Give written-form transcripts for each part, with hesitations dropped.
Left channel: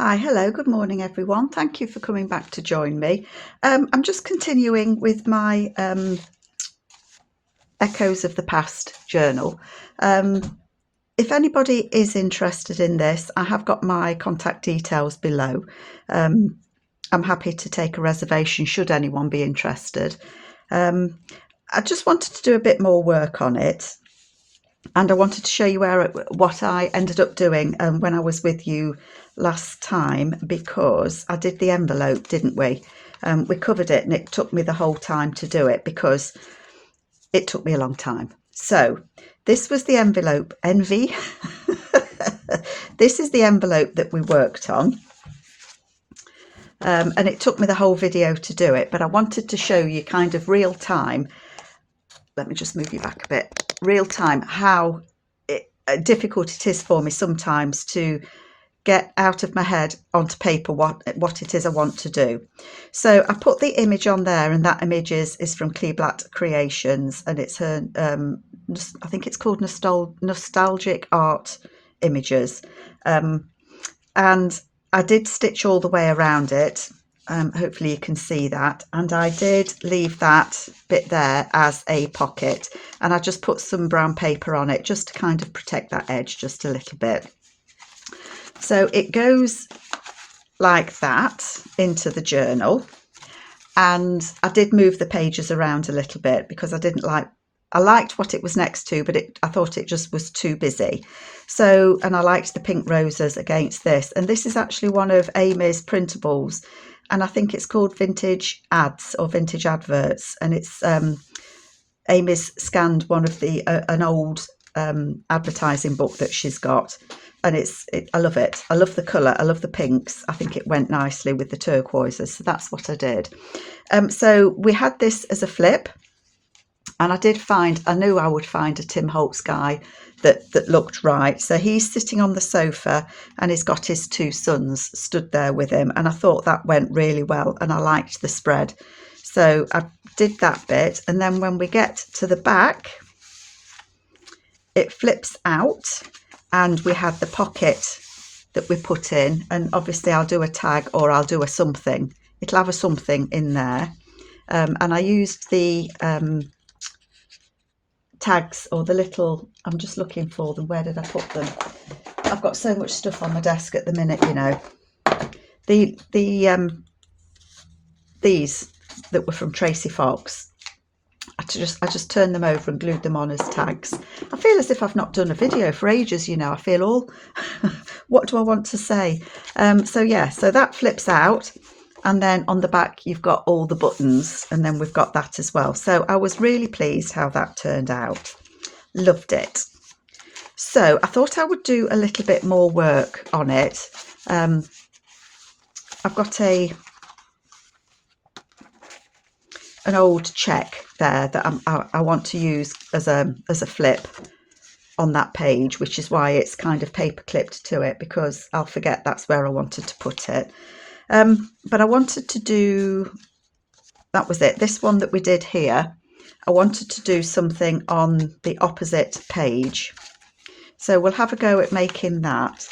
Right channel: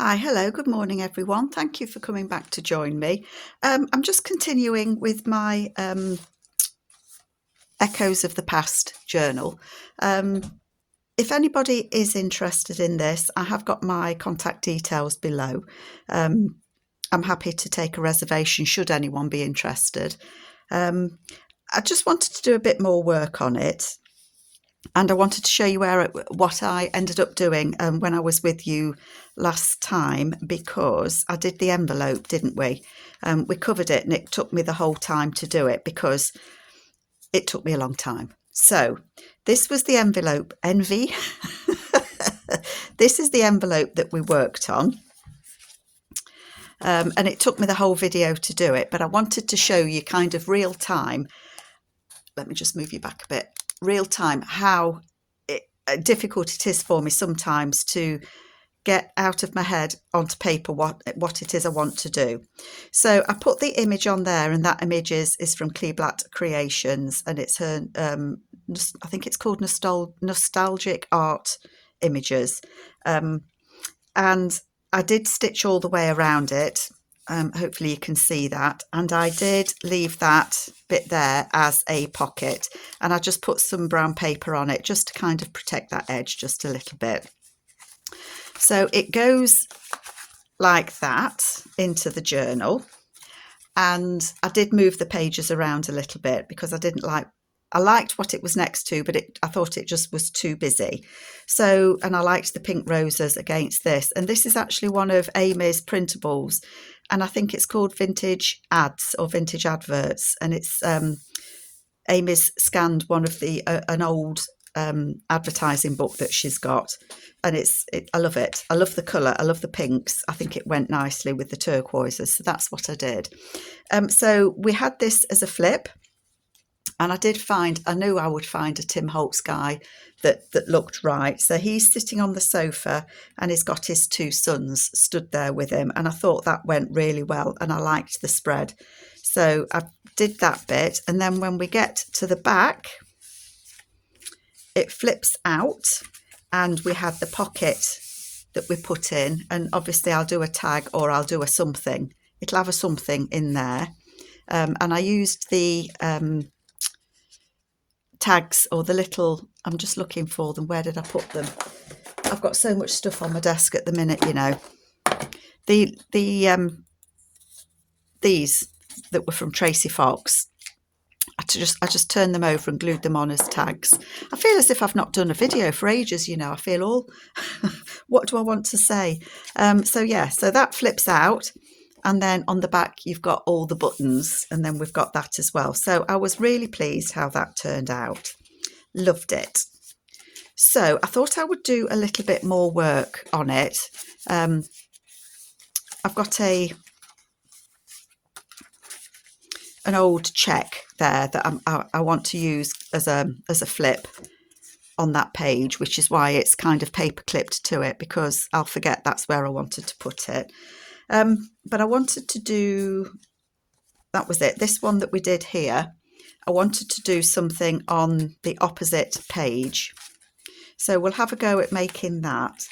Hi, hello, good morning everyone. Thank you for coming back to join me. I'm just continuing with my Echoes of the Past journal. If anybody is interested in this, I have got my contact details below. I'm happy to take a reservation should anyone be interested. I just wanted to do a bit more work on it. And I wanted to show you what I ended up doing when I was with you last time, because I did the envelope, didn't we? We covered it and it took me the whole time to do it because it took me a long time. So this was the envelope, envy. This is the envelope that we worked on. And it took me the whole video to do it, but I wanted to show you kind of real time. Let me just move you back a bit. Real time, how difficult it is for me sometimes to get out of my head onto paper what it is I want to do. So I put the image on there, and that image is from Kleeblatt Creations, and it's her I think it's called Nostalgic Art Images, and I did stitch all the way around it. Hopefully you can see that, and I did leave that bit there as a pocket, and I just put some brown paper on it just to kind of protect that edge just a little bit. So it goes like that into the journal, and I did move the pages around a little bit because I liked what it was next to, but I thought it just was too busy. So, and I liked the pink roses against this, and this is actually one of Amy's printables, and I think it's called Vintage Ads or Vintage Adverts, and it's Amy's scanned one of an old advertising book that she's got, and I love it. I love the colour. I love the pinks. I think it went nicely with the turquoises, so that's what I did. So we had this as a flip, and I knew I would find a Tim Holtz guy that looked right. So he's sitting on the sofa and he's got his two sons stood there with him, and I thought that went really well, and I liked the spread. So I did that bit, and then when we get to the back, it flips out, and we have the pocket that we put in, and obviously I'll do a tag or I'll do a something. It'll have a something in there, and I used the tags, or the little, I'm just looking for them. Where did I put them? I've got so much stuff on my desk at the minute, you know. These that were from Tracy Fox, I just turned them over and glued them on as tags. I feel as if I've not done a video for ages, you know. I feel all what do I want to say? So yeah, so that flips out, and then on the back you've got all the buttons, and then we've got that as well. So I was really pleased how that turned out. Loved it. So I thought I would do a little bit more work on it. I've got an old check there that I want to use as a flip on that page, which is why it's kind of paper clipped to it, because I'll forget that's where I wanted to put it. But I wanted to do, that was it, this one that we did here, I wanted to do something on the opposite page. So we'll have a go at making that.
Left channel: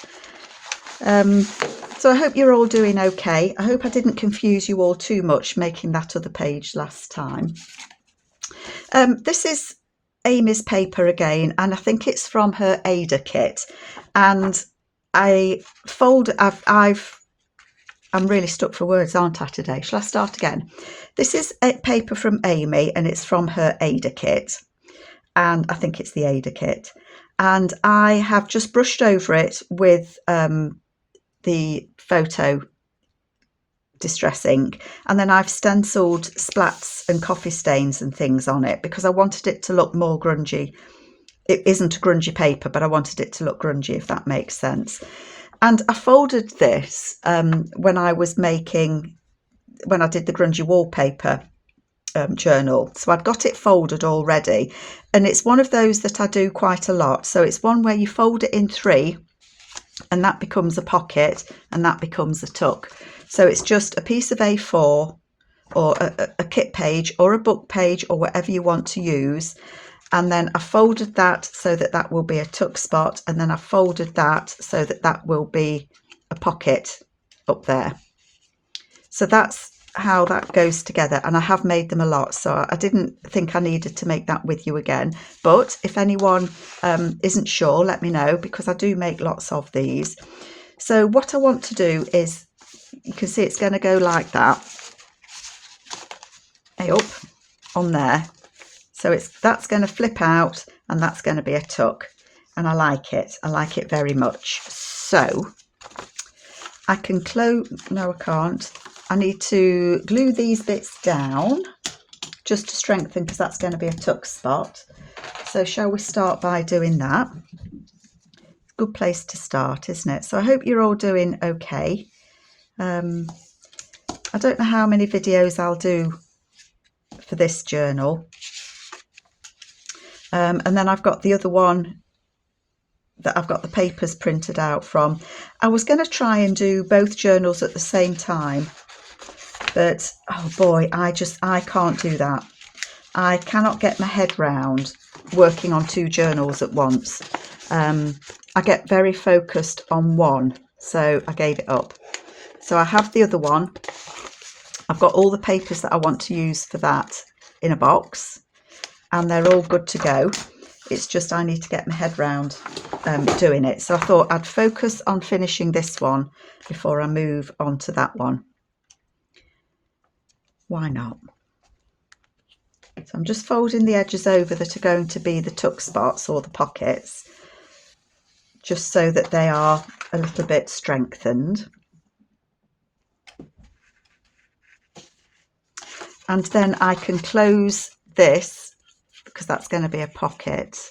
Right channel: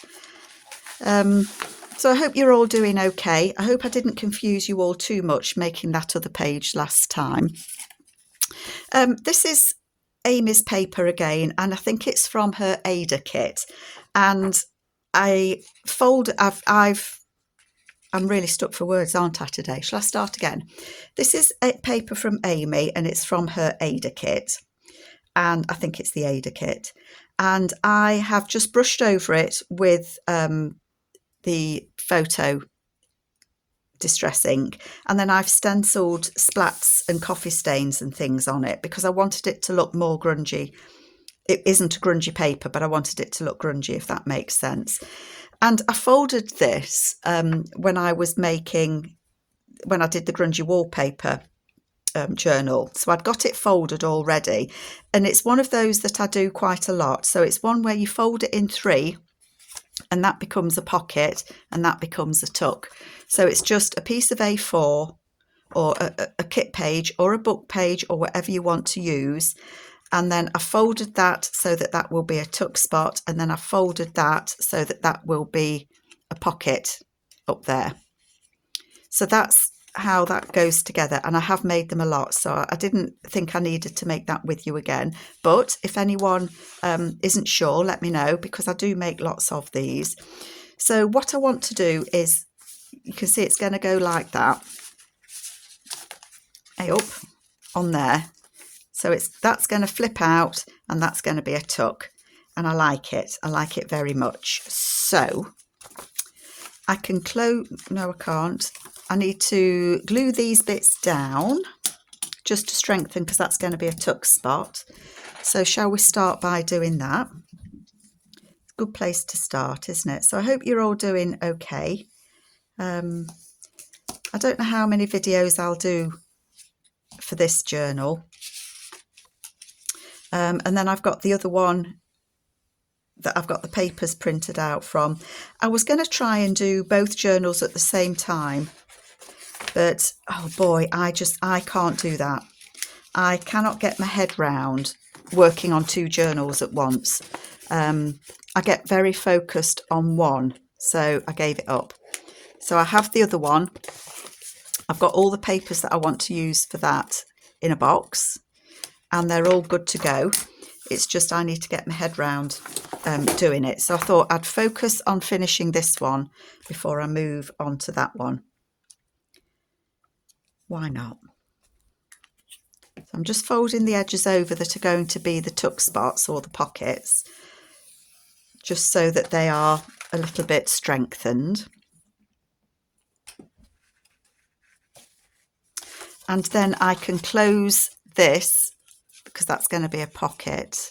So I hope you're all doing okay. I hope I didn't confuse you all too much making that other page last time. This is Amy's paper again, and I think it's from her Ada kit. And I'm really stuck for words, aren't I, today? Shall I start again? This is a paper from Amy, and it's from her Ada kit. And I think it's the Ada kit. And I have just brushed over it with the photo distress ink, and then I've stenciled splats and coffee stains and things on it because I wanted it to look more grungy. It isn't a grungy paper, but I wanted it to look grungy, if that makes sense. And I folded this when I did the grungy wallpaper journal. So I'd got it folded already, and it's one of those that I do quite a lot. So it's one where you fold it in three, and that becomes a pocket, and that becomes a tuck. So it's just a piece of A4 or a kit page or a book page or whatever you want to use. And then I folded that so that that will be a tuck spot. And then I folded that so that that will be a pocket up there. So that's how that goes together, and I have made them a lot, so I didn't think I needed to make that with you again. But if anyone isn't sure, let me know, because I do make lots of these. So what I want to do is, you can see it's going to go like that, up on there. So that's going to flip out, and that's going to be a tuck, and I like it very much. So I can close, no I can't, I need to glue these bits down just to strengthen, because that's going to be a tuck spot. So shall we start by doing that? Good place to start, isn't it? So I hope you're all doing okay. I don't know how many videos I'll do for this journal. And then I've got the other one that I've got the papers printed out from. I was going to try and do both journals at the same time, but oh boy, I can't do that. I cannot get my head round working on two journals at once. I get very focused on one, so I gave it up. So I have the other one. I've got all the papers that I want to use for that in a box, and they're all good to go. It's just I need to get my head round doing it. So I thought I'd focus on finishing this one before I move on to that one. Why not? So I'm just folding the edges over that are going to be the tuck spots or the pockets, just so that they are a little bit strengthened. And then I can close this, because that's going to be a pocket.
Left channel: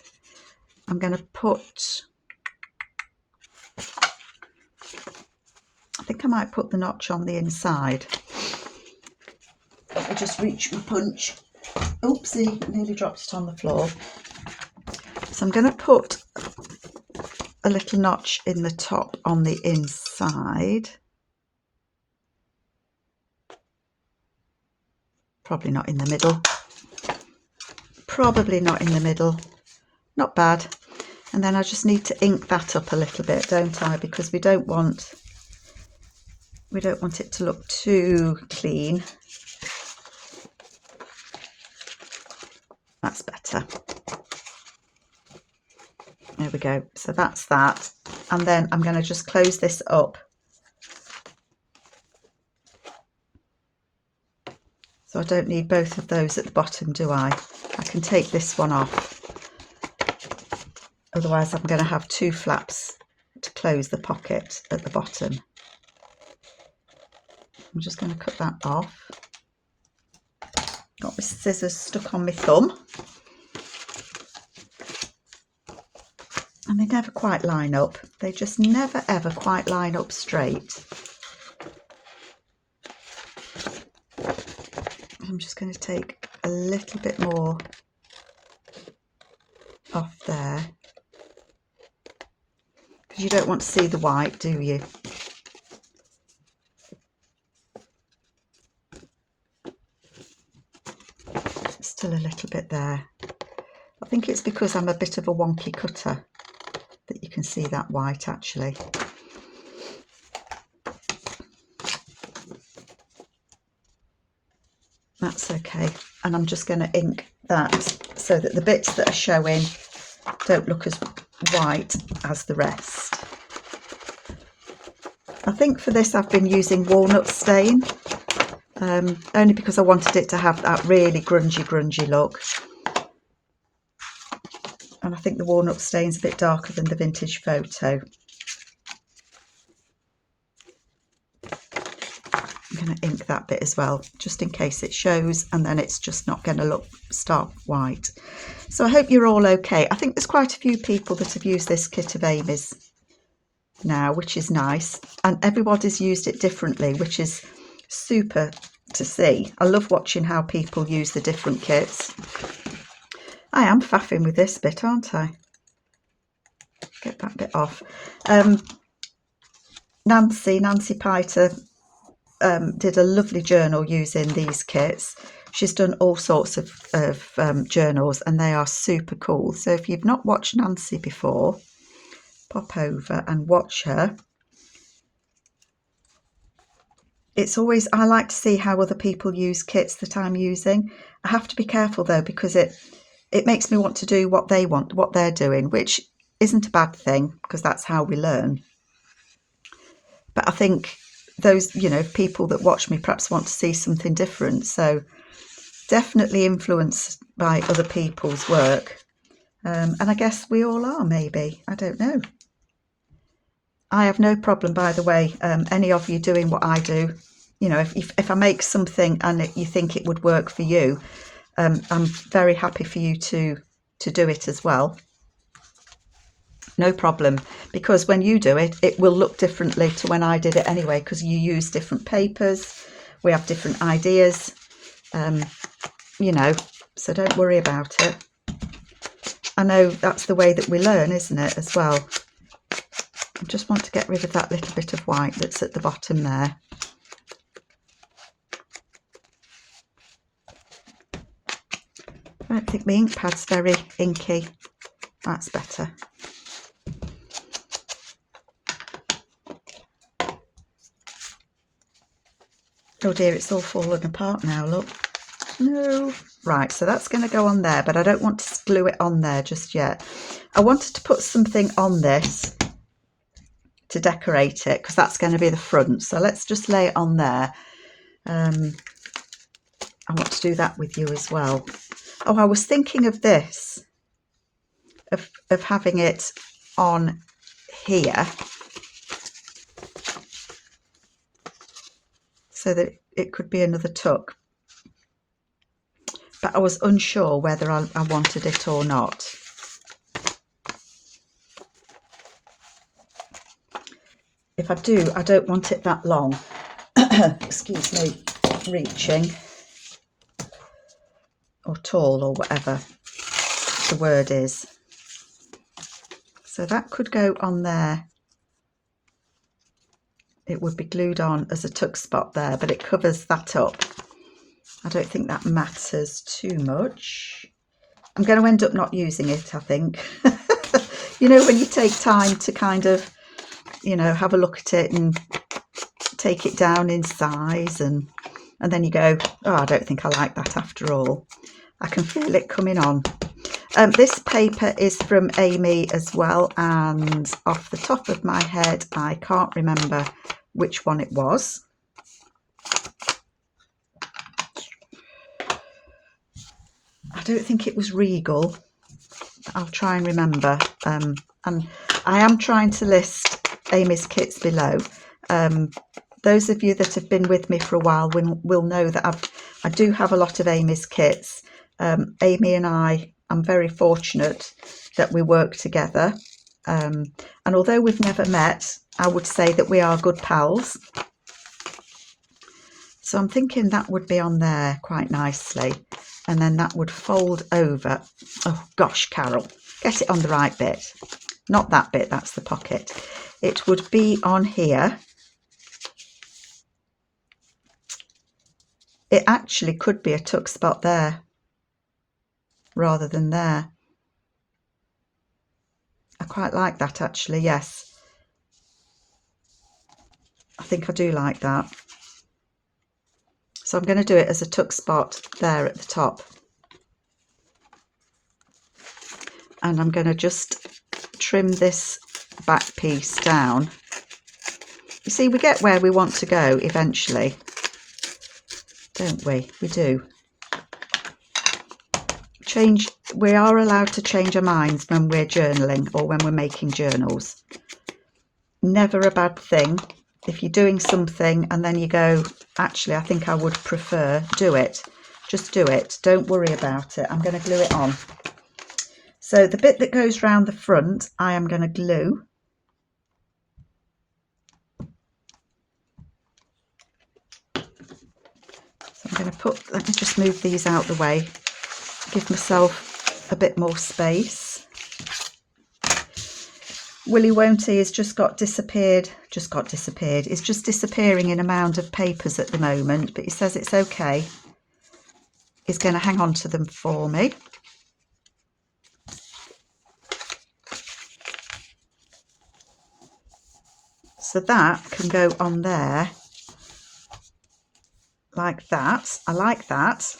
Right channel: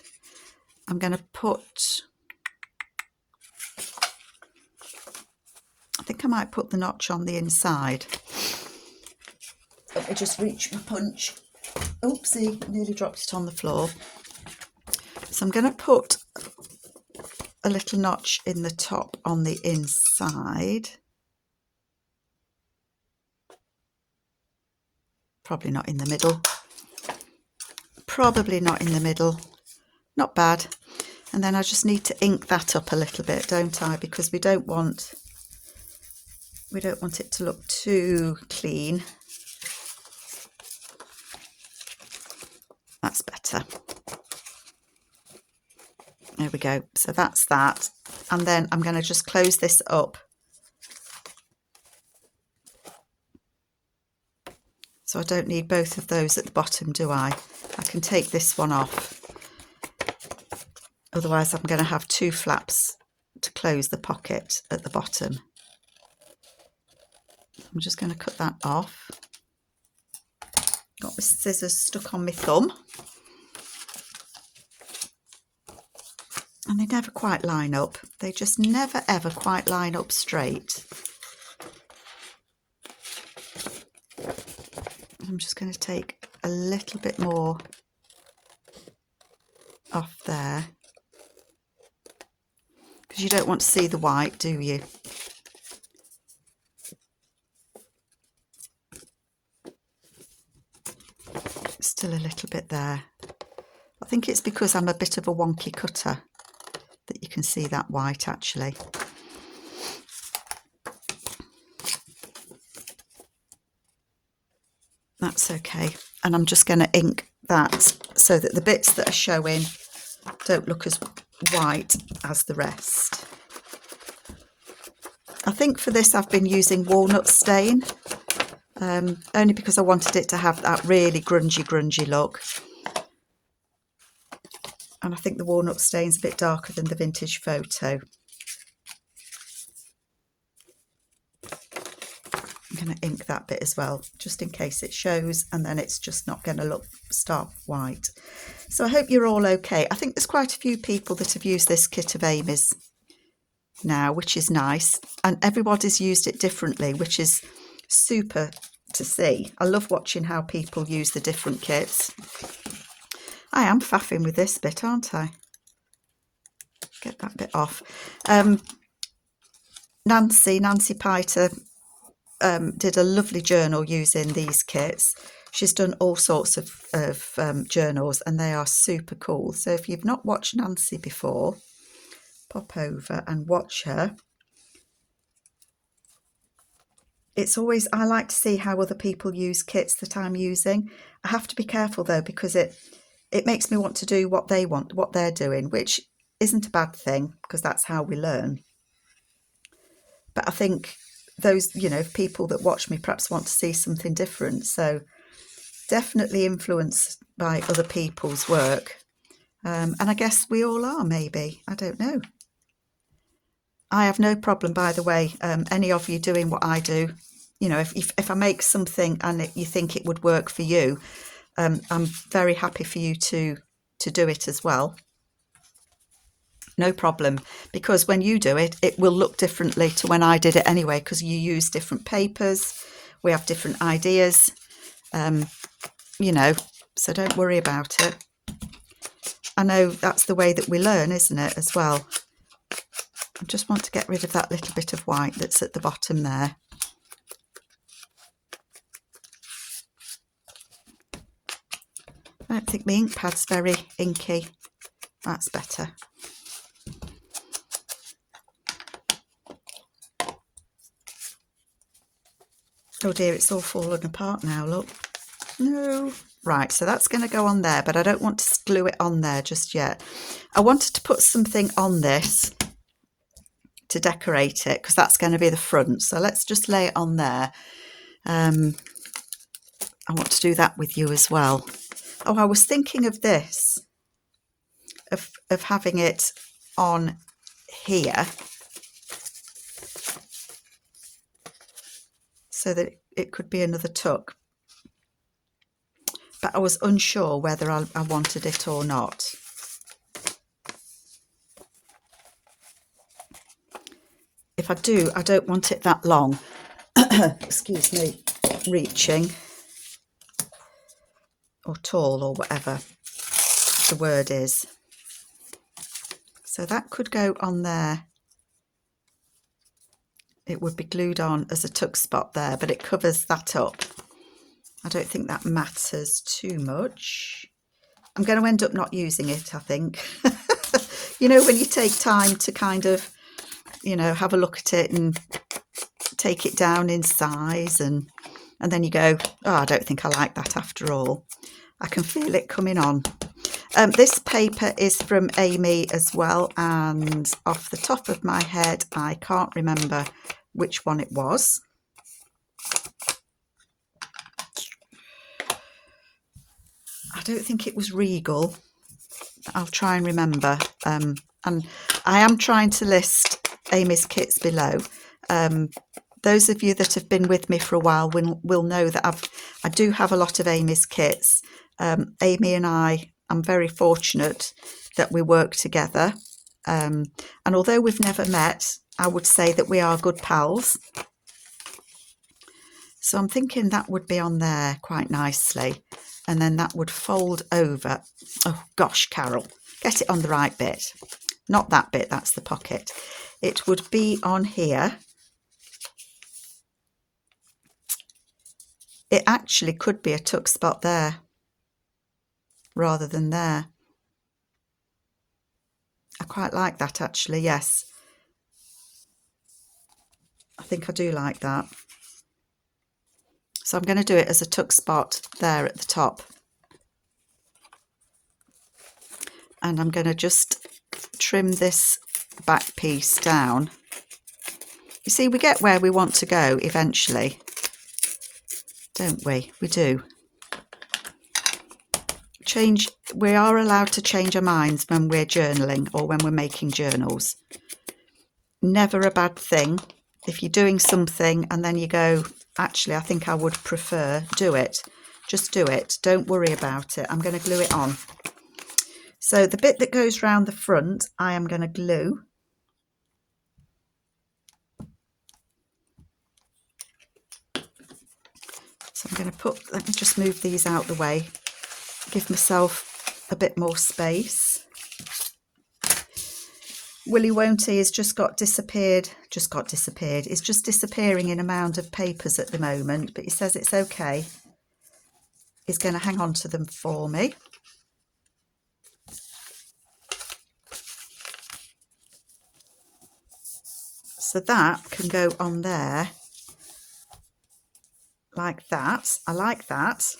I'm going to put, I think I might put the notch on the inside. Let me just reach my punch. Oopsie, nearly dropped it on the floor. So I'm going to put a little notch in the top on the inside. Probably not in the middle. Probably not in the middle. Not bad. And then I just need to ink that up a little bit, don't I? Because we don't want it to look too clean. That's better. There we go. So that's that. And then I'm going to just close this up. So I don't need both of those at the bottom, do I? I can take this one off. Otherwise I'm going to have two flaps to close the pocket at the bottom. I'm just going to cut that off. Got my scissors stuck on my thumb. And they never quite line up. They just never ever quite line up straight. I'm just going to take a little bit more off there, because you don't want to see the white, do you? Still a little bit there. I think it's because I'm a bit of a wonky cutter that you can see that white actually. That's okay. And I'm just going to ink that so that the bits that are showing don't look as white as the rest. I think for this I've been using walnut stain, only because I wanted it to have that really grungy look. And I think the walnut stain's a bit darker than the vintage photo. I'm going to ink that bit as well, just in case it shows, and then it's just not going to look stark white. So I hope you're all okay. I think there's quite a few people that have used this kit of Amy's now, which is nice, and everybody's used it differently, which is super to see. I love watching how people use the different kits. I am faffing with this bit, aren't I? Get that bit off. Nancy Piter did a lovely journal using these kits. She's done all sorts of journals, and they are super cool. So if you've not watched Nancy before, pop over and watch her. it's always, I like to see how other people use kits that I'm using. I have to be careful though, because it makes me want to do what they want, what they're doing, which isn't a bad thing because that's how we learn. But I think those, you know, people that watch me perhaps want to see something different. So definitely influenced by other people's work. And I guess we all are, maybe. I don't know. I have no problem, by the way, any of you doing what I do. You know, if I make something and you think it would work for you, I'm very happy for you to do it as well. No problem, because when you do it, it will look differently to when I did it anyway, because you use different papers, we have different ideas, you know, so don't worry about it. I know that's the way that we learn, isn't it, as well. I just want to get rid of that little bit of white that's at the bottom there. I don't think my ink pad's very inky. That's better. Oh dear, it's all fallen apart now, look. No. Right, so that's going to go on there, but I don't want to glue it on there just yet. I wanted to put something on this to decorate it, because that's going to be the front. So let's just lay it on there. I want to do that with you as well. Oh, I was thinking of this, of having it on here, so that it could be another tuck. But I was unsure whether I wanted it or not. If I do, I don't want it that long. Excuse me, reaching, or tall, or whatever the word is. So that could go on there. It would be glued on as a tuck spot there, but it covers that up. I don't think that matters too much. I'm going to end up not using it, I think. You know, when you take time to kind of, you know, have a look at it and take it down in size, and then you go, oh, I don't think I like that after all. I can feel it coming on. This paper is from Amy as well, and off the top of my head, I can't remember which one it was. I don't think it was Regal. I'll try and remember. And I am trying to list Amy's kits below. Those of you that have been with me for a while will know that I do have a lot of Amy's kits. Amy and I'm very fortunate that we work together. And although we've never met, I would say that we are good pals. So I'm thinking that would be on there quite nicely. And then that would fold over. Oh gosh, Carol, get it on the right bit. Not that bit, that's the pocket. It would be on here. It actually could be a tuck spot there rather than there. I quite like that actually, yes. I think I do like that. So I'm going to do it as a tuck spot there at the top. And I'm going to just trim this back piece down. You see, we get where we want to go eventually, don't we? We do. We are allowed to change our minds when we're journaling or when we're making journals. Never a bad thing. If you're doing something and then you go, actually, I think I would prefer, do it. Just do it. Don't worry about it. I'm going to glue it on. So the bit that goes round the front, I am going to glue. So I'm going to let me just move these out the way. Give myself a bit more space. Willy Won't He has just got disappeared. It's just disappearing in a mound of papers at the moment, but he says it's okay. He's going to hang on to them for me. So that can go on there. like that. I like that.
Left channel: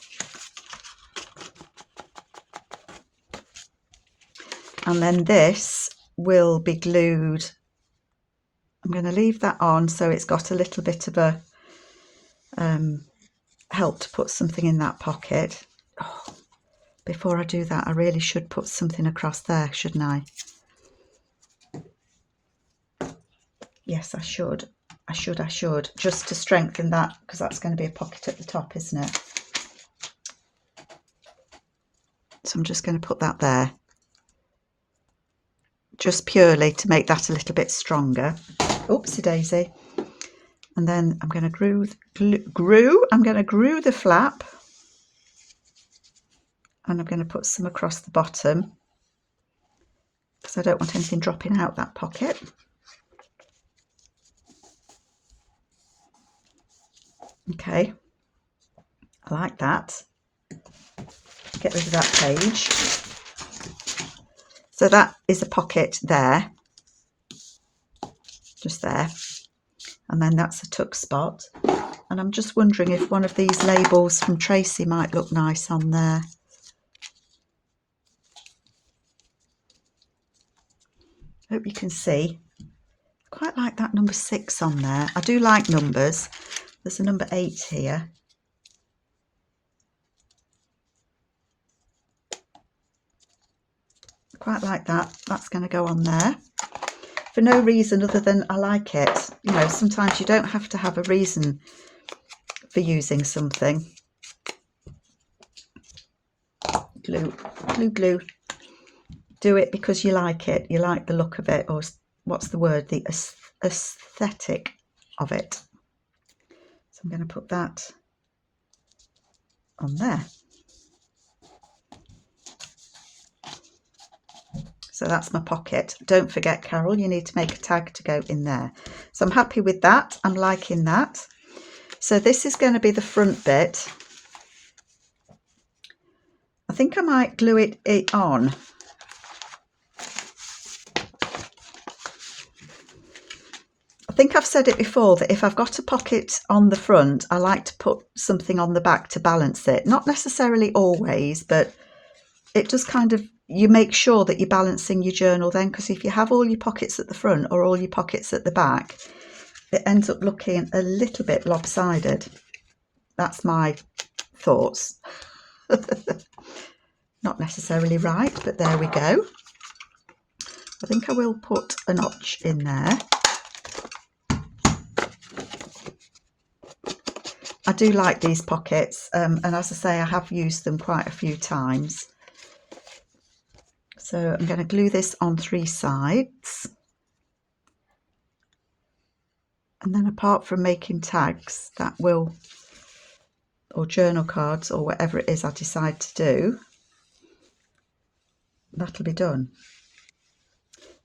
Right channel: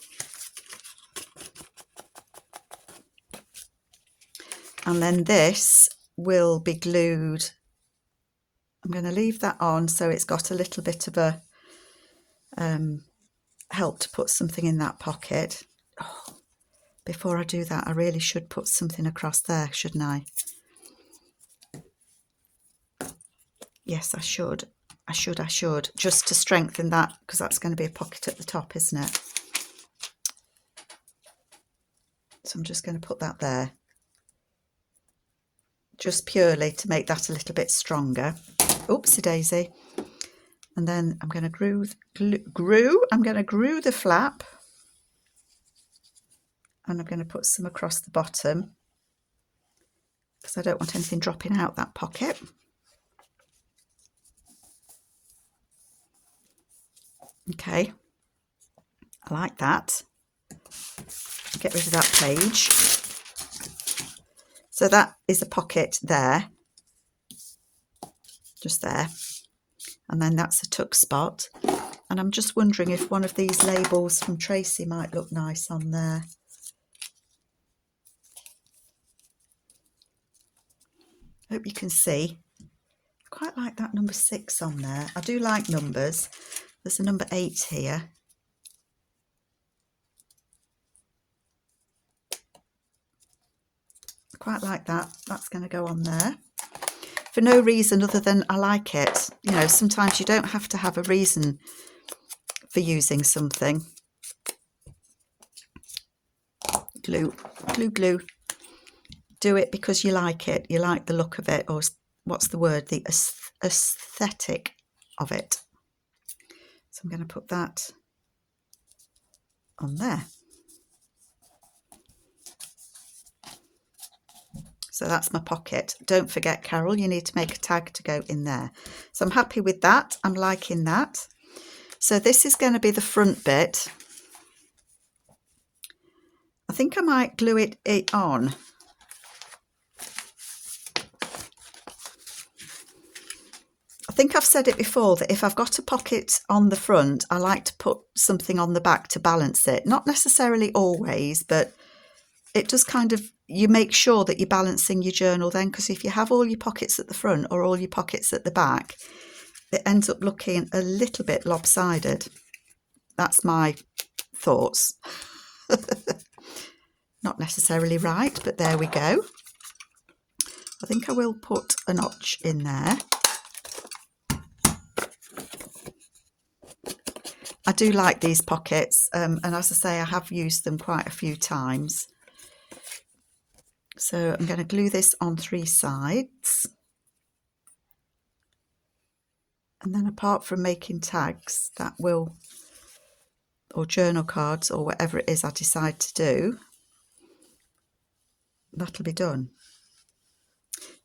And then this will be glued. I'm going to leave that on so it's got a little bit of a help to put something in that pocket. Oh, before I do that, I really should put something across there, shouldn't I? Yes, I should. I should, just to strengthen that, because that's going to be a pocket at the top, isn't it? So I'm just going to put that there, just purely to make that a little bit stronger. Oopsie daisy. And then I'm going to I'm going to glue the flap, and I'm going to put some across the bottom because I don't want anything dropping out that pocket. Okay, I like that. Get rid of that page. So that is a pocket there, just there. And then that's a tuck spot. And I'm just wondering if one of these labels from Tracy might look nice on there. Hope you can see. Quite like that number 6 on there. I do like numbers. There's a number 8 here. Quite like that. That's going to go on there. For no reason other than I like it. You know, sometimes you don't have to have a reason for using something. Glue, glue, glue. Do it because you like it. You like the look of it, or what's the word? The aesthetic of it. So I'm going to put that on there. So that's my pocket. Don't forget, Carol, you need to make a tag to go in there. So I'm happy with that. I'm liking that. So this is going to be the front bit. I think I might glue it on. I think I've said it before that if I've got a pocket on the front, I like to put something on the back to balance it. Not necessarily always, but it does kind of, you make sure that you're balancing your journal then, because if you have all your pockets at the front or all your pockets at the back, it ends up looking a little bit lopsided. That's my thoughts. Not necessarily right, but there we go. I think I will put a notch in there. I do like these pockets, and as I say, I have used them quite a few times. So I'm going to glue this on 3 sides. And then apart from making tags, that will, or journal cards, or whatever it is I decide to do, that'll be done.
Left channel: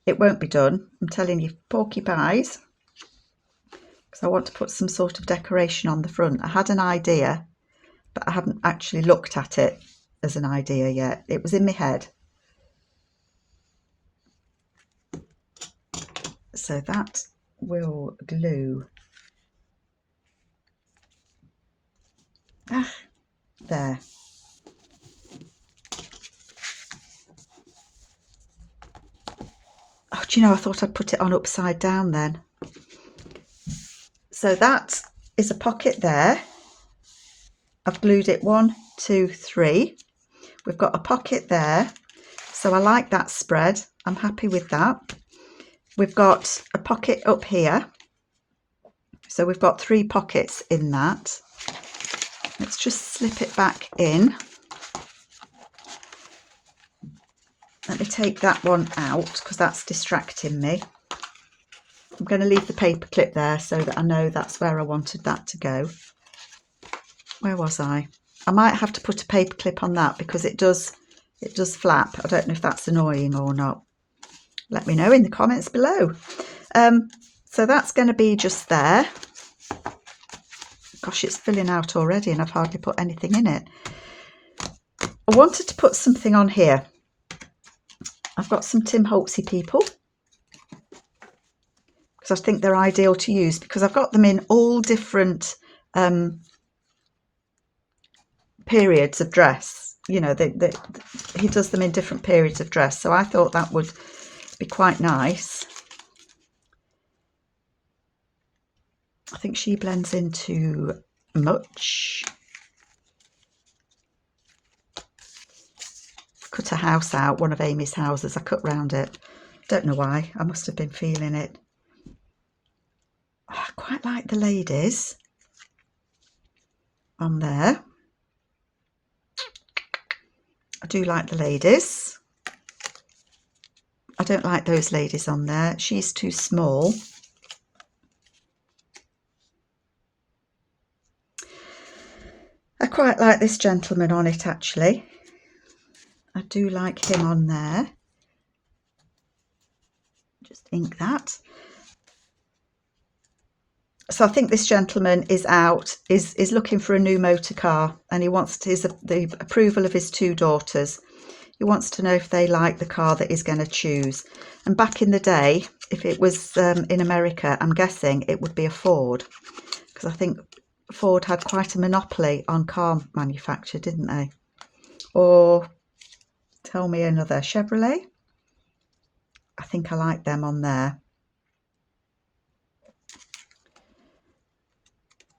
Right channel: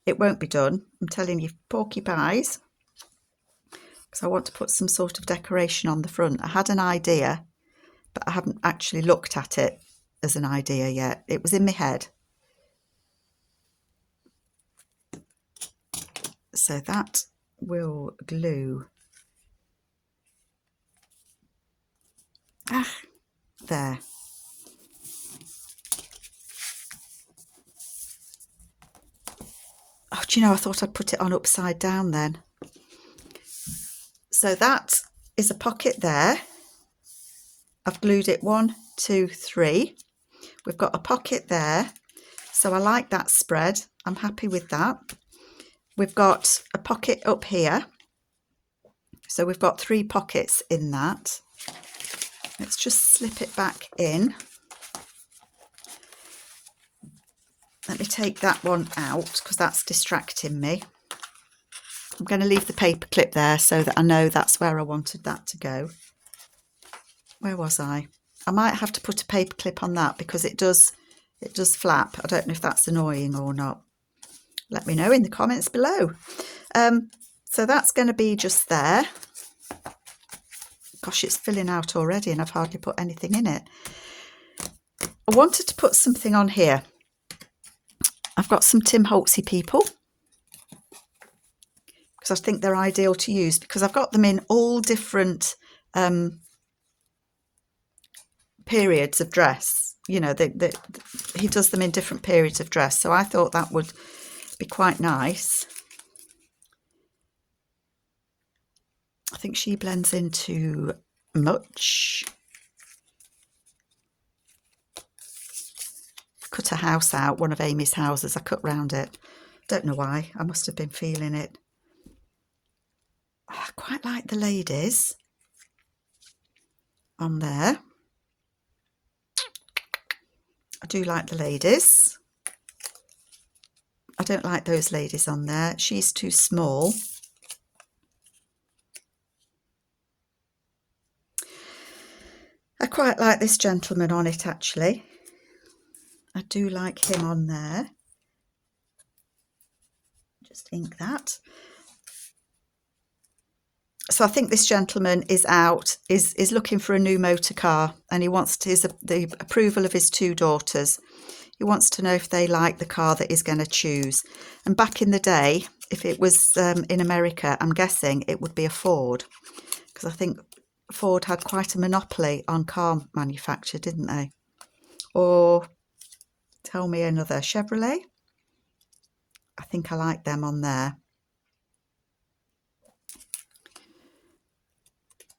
It won't be done, I'm telling you, porcupines, because I want to put some sort of decoration on the front. I had an idea, but I haven't actually looked at it as an idea yet. It was in my head. So that will glue there. Oh, do you know, I thought I'd put it on upside down then. So that is a pocket there. I've glued it 1, 2, 3. We've got a pocket there. So I like that spread. I'm happy with that. We've got a pocket up here. So we've got 3 pockets in that. Let's just slip it back in. Let me take that one out because that's distracting me. I'm going to leave the paper clip there so that I know that's where I wanted that to go. Where was I? I might have to put a paper clip on that because it does flap. I don't know if that's annoying or not. Let me know in the comments below. So that's going to be just there. Gosh, it's filling out already and I've hardly put anything in it. I wanted to put something on here. I've got some Tim Holtzy people because I think they're ideal to use because I've got them in all different periods of dress. You know, he does them in different periods of dress. So I thought that would be quite nice. I think she blends in too much. Cut a house out, one of Amy's houses. I cut round it. Don't know why. I must have been feeling it. I quite like the ladies on there. I do like the ladies. I don't like those ladies on there. She's too small. I quite like this gentleman on it, actually. I do like him on there. Just ink that. So I think this gentleman is out, is looking for a new motor car, and he wants the approval of his 2 daughters. He wants to know if they like the car that he's going to choose. And back in the day, if it was in America, I'm guessing it would be a Ford, because I think Ford had quite a monopoly on car manufacture, didn't they? Or tell me another. Chevrolet? I think I like them on there.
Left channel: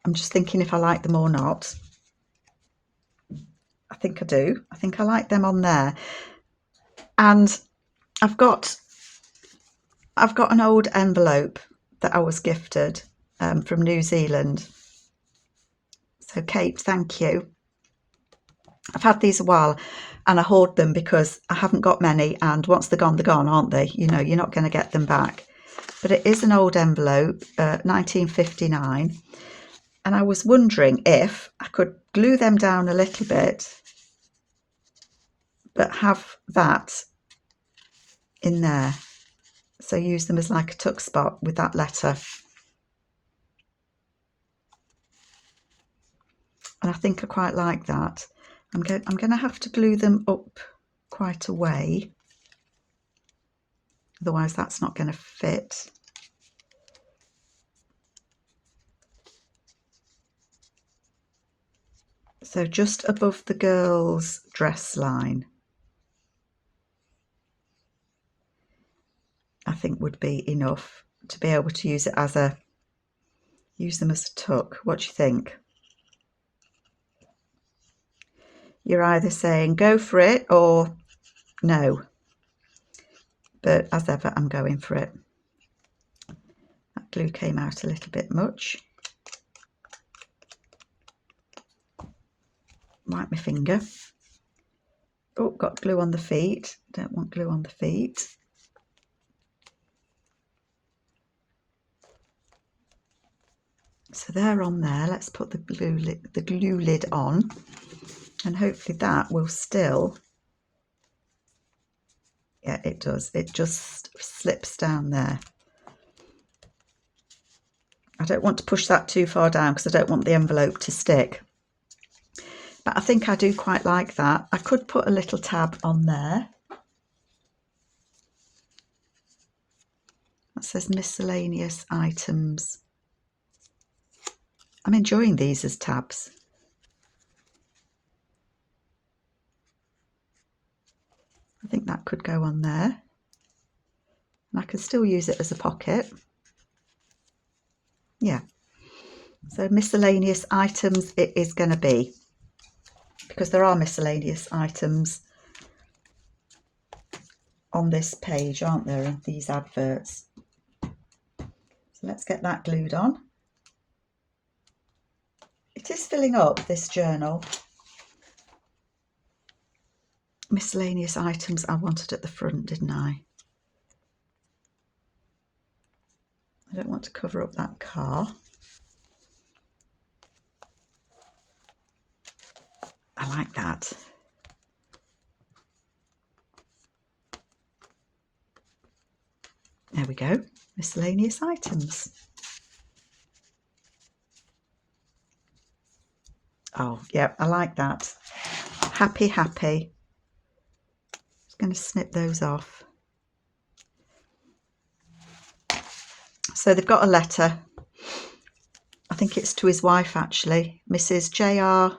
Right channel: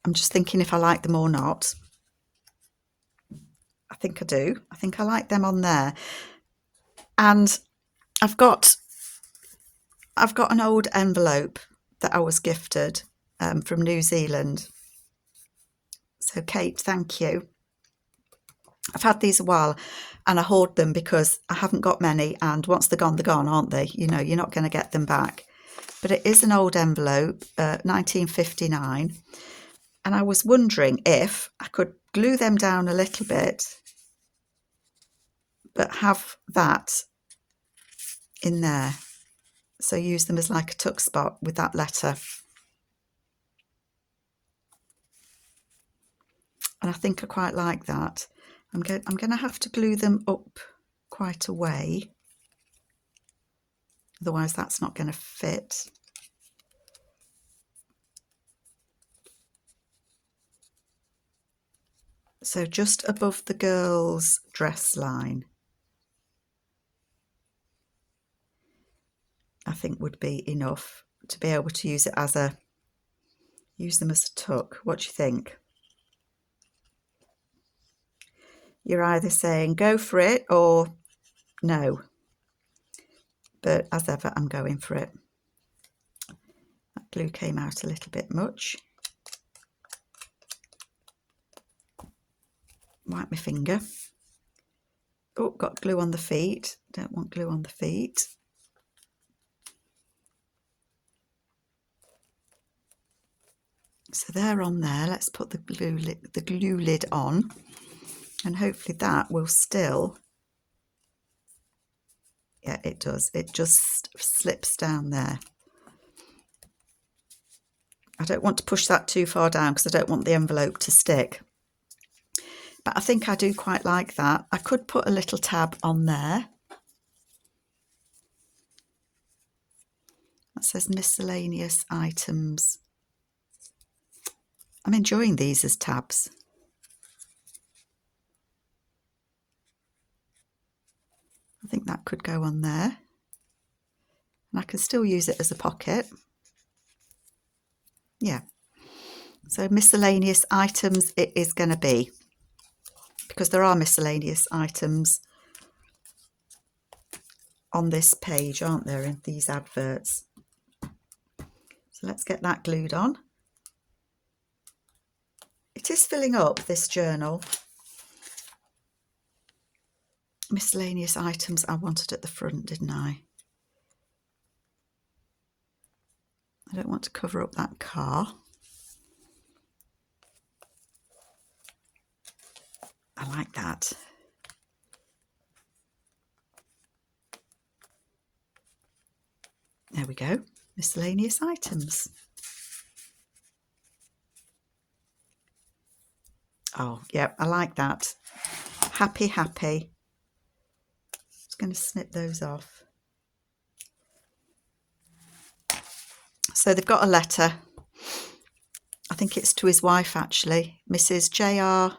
I'm just thinking if I like them or not. I think I do. I think I like them on there. And I've got an old envelope that I was gifted from New Zealand. So Kate, thank you. I've had these a while and I hoard them because I haven't got many, and once they're gone, aren't they? You know, you're not going to get them back. But it is an old envelope, 1959. And I was wondering if I could glue them down a little bit, but have that in there. So use them as like a tuck spot with that letter. And I think I quite like that. I'm going to have to glue them up quite a way. Otherwise that's not going to fit. So just above the girls' dress line, I think would be enough to be able to use them as a tuck. What do you think? You're either saying go for it or no. But as ever, I'm going for it. That glue came out a little bit much. Wipe my finger. Oh, got glue on the feet. Don't want glue on the feet. So they're on there. Let's put the glue lid on, and hopefully that will still. Yeah, it does. It just slips down there. I don't want to push that too far down because I don't want the envelope to stick. But I think I do quite like that. I could put a little tab on there that says miscellaneous items. I'm enjoying these as tabs. I think that could go on there. And I can still use it as a pocket. Yeah. So miscellaneous items it is going to be, because there are miscellaneous items on this page, aren't there, in these adverts. So let's get that glued on. It is filling up, this journal. Miscellaneous items I wanted at the front, didn't I? I don't want to cover up that car. I like that. There we go. Miscellaneous items. Oh, yeah, I like that. Happy, happy. Just going to snip those off. So they've got a letter. I think it's to his wife, actually. Mrs. J.R.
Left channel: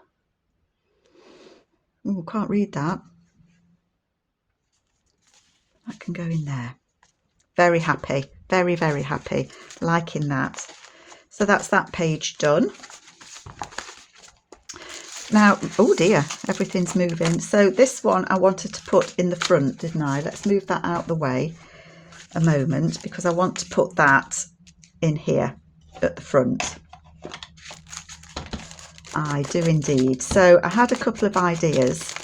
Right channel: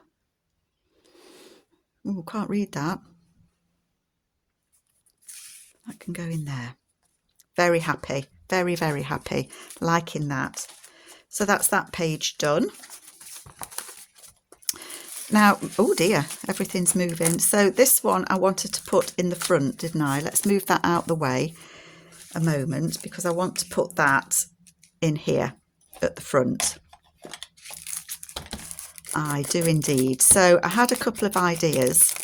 Oh, can't read that. That can go in there. Very happy, very, very happy, liking that. So that's that page done. Now, oh dear, everything's moving. So this one I wanted to put in the front, didn't I? Let's move that out the way a moment, because I want to put that in here at the front. I do indeed. So I had a couple of ideas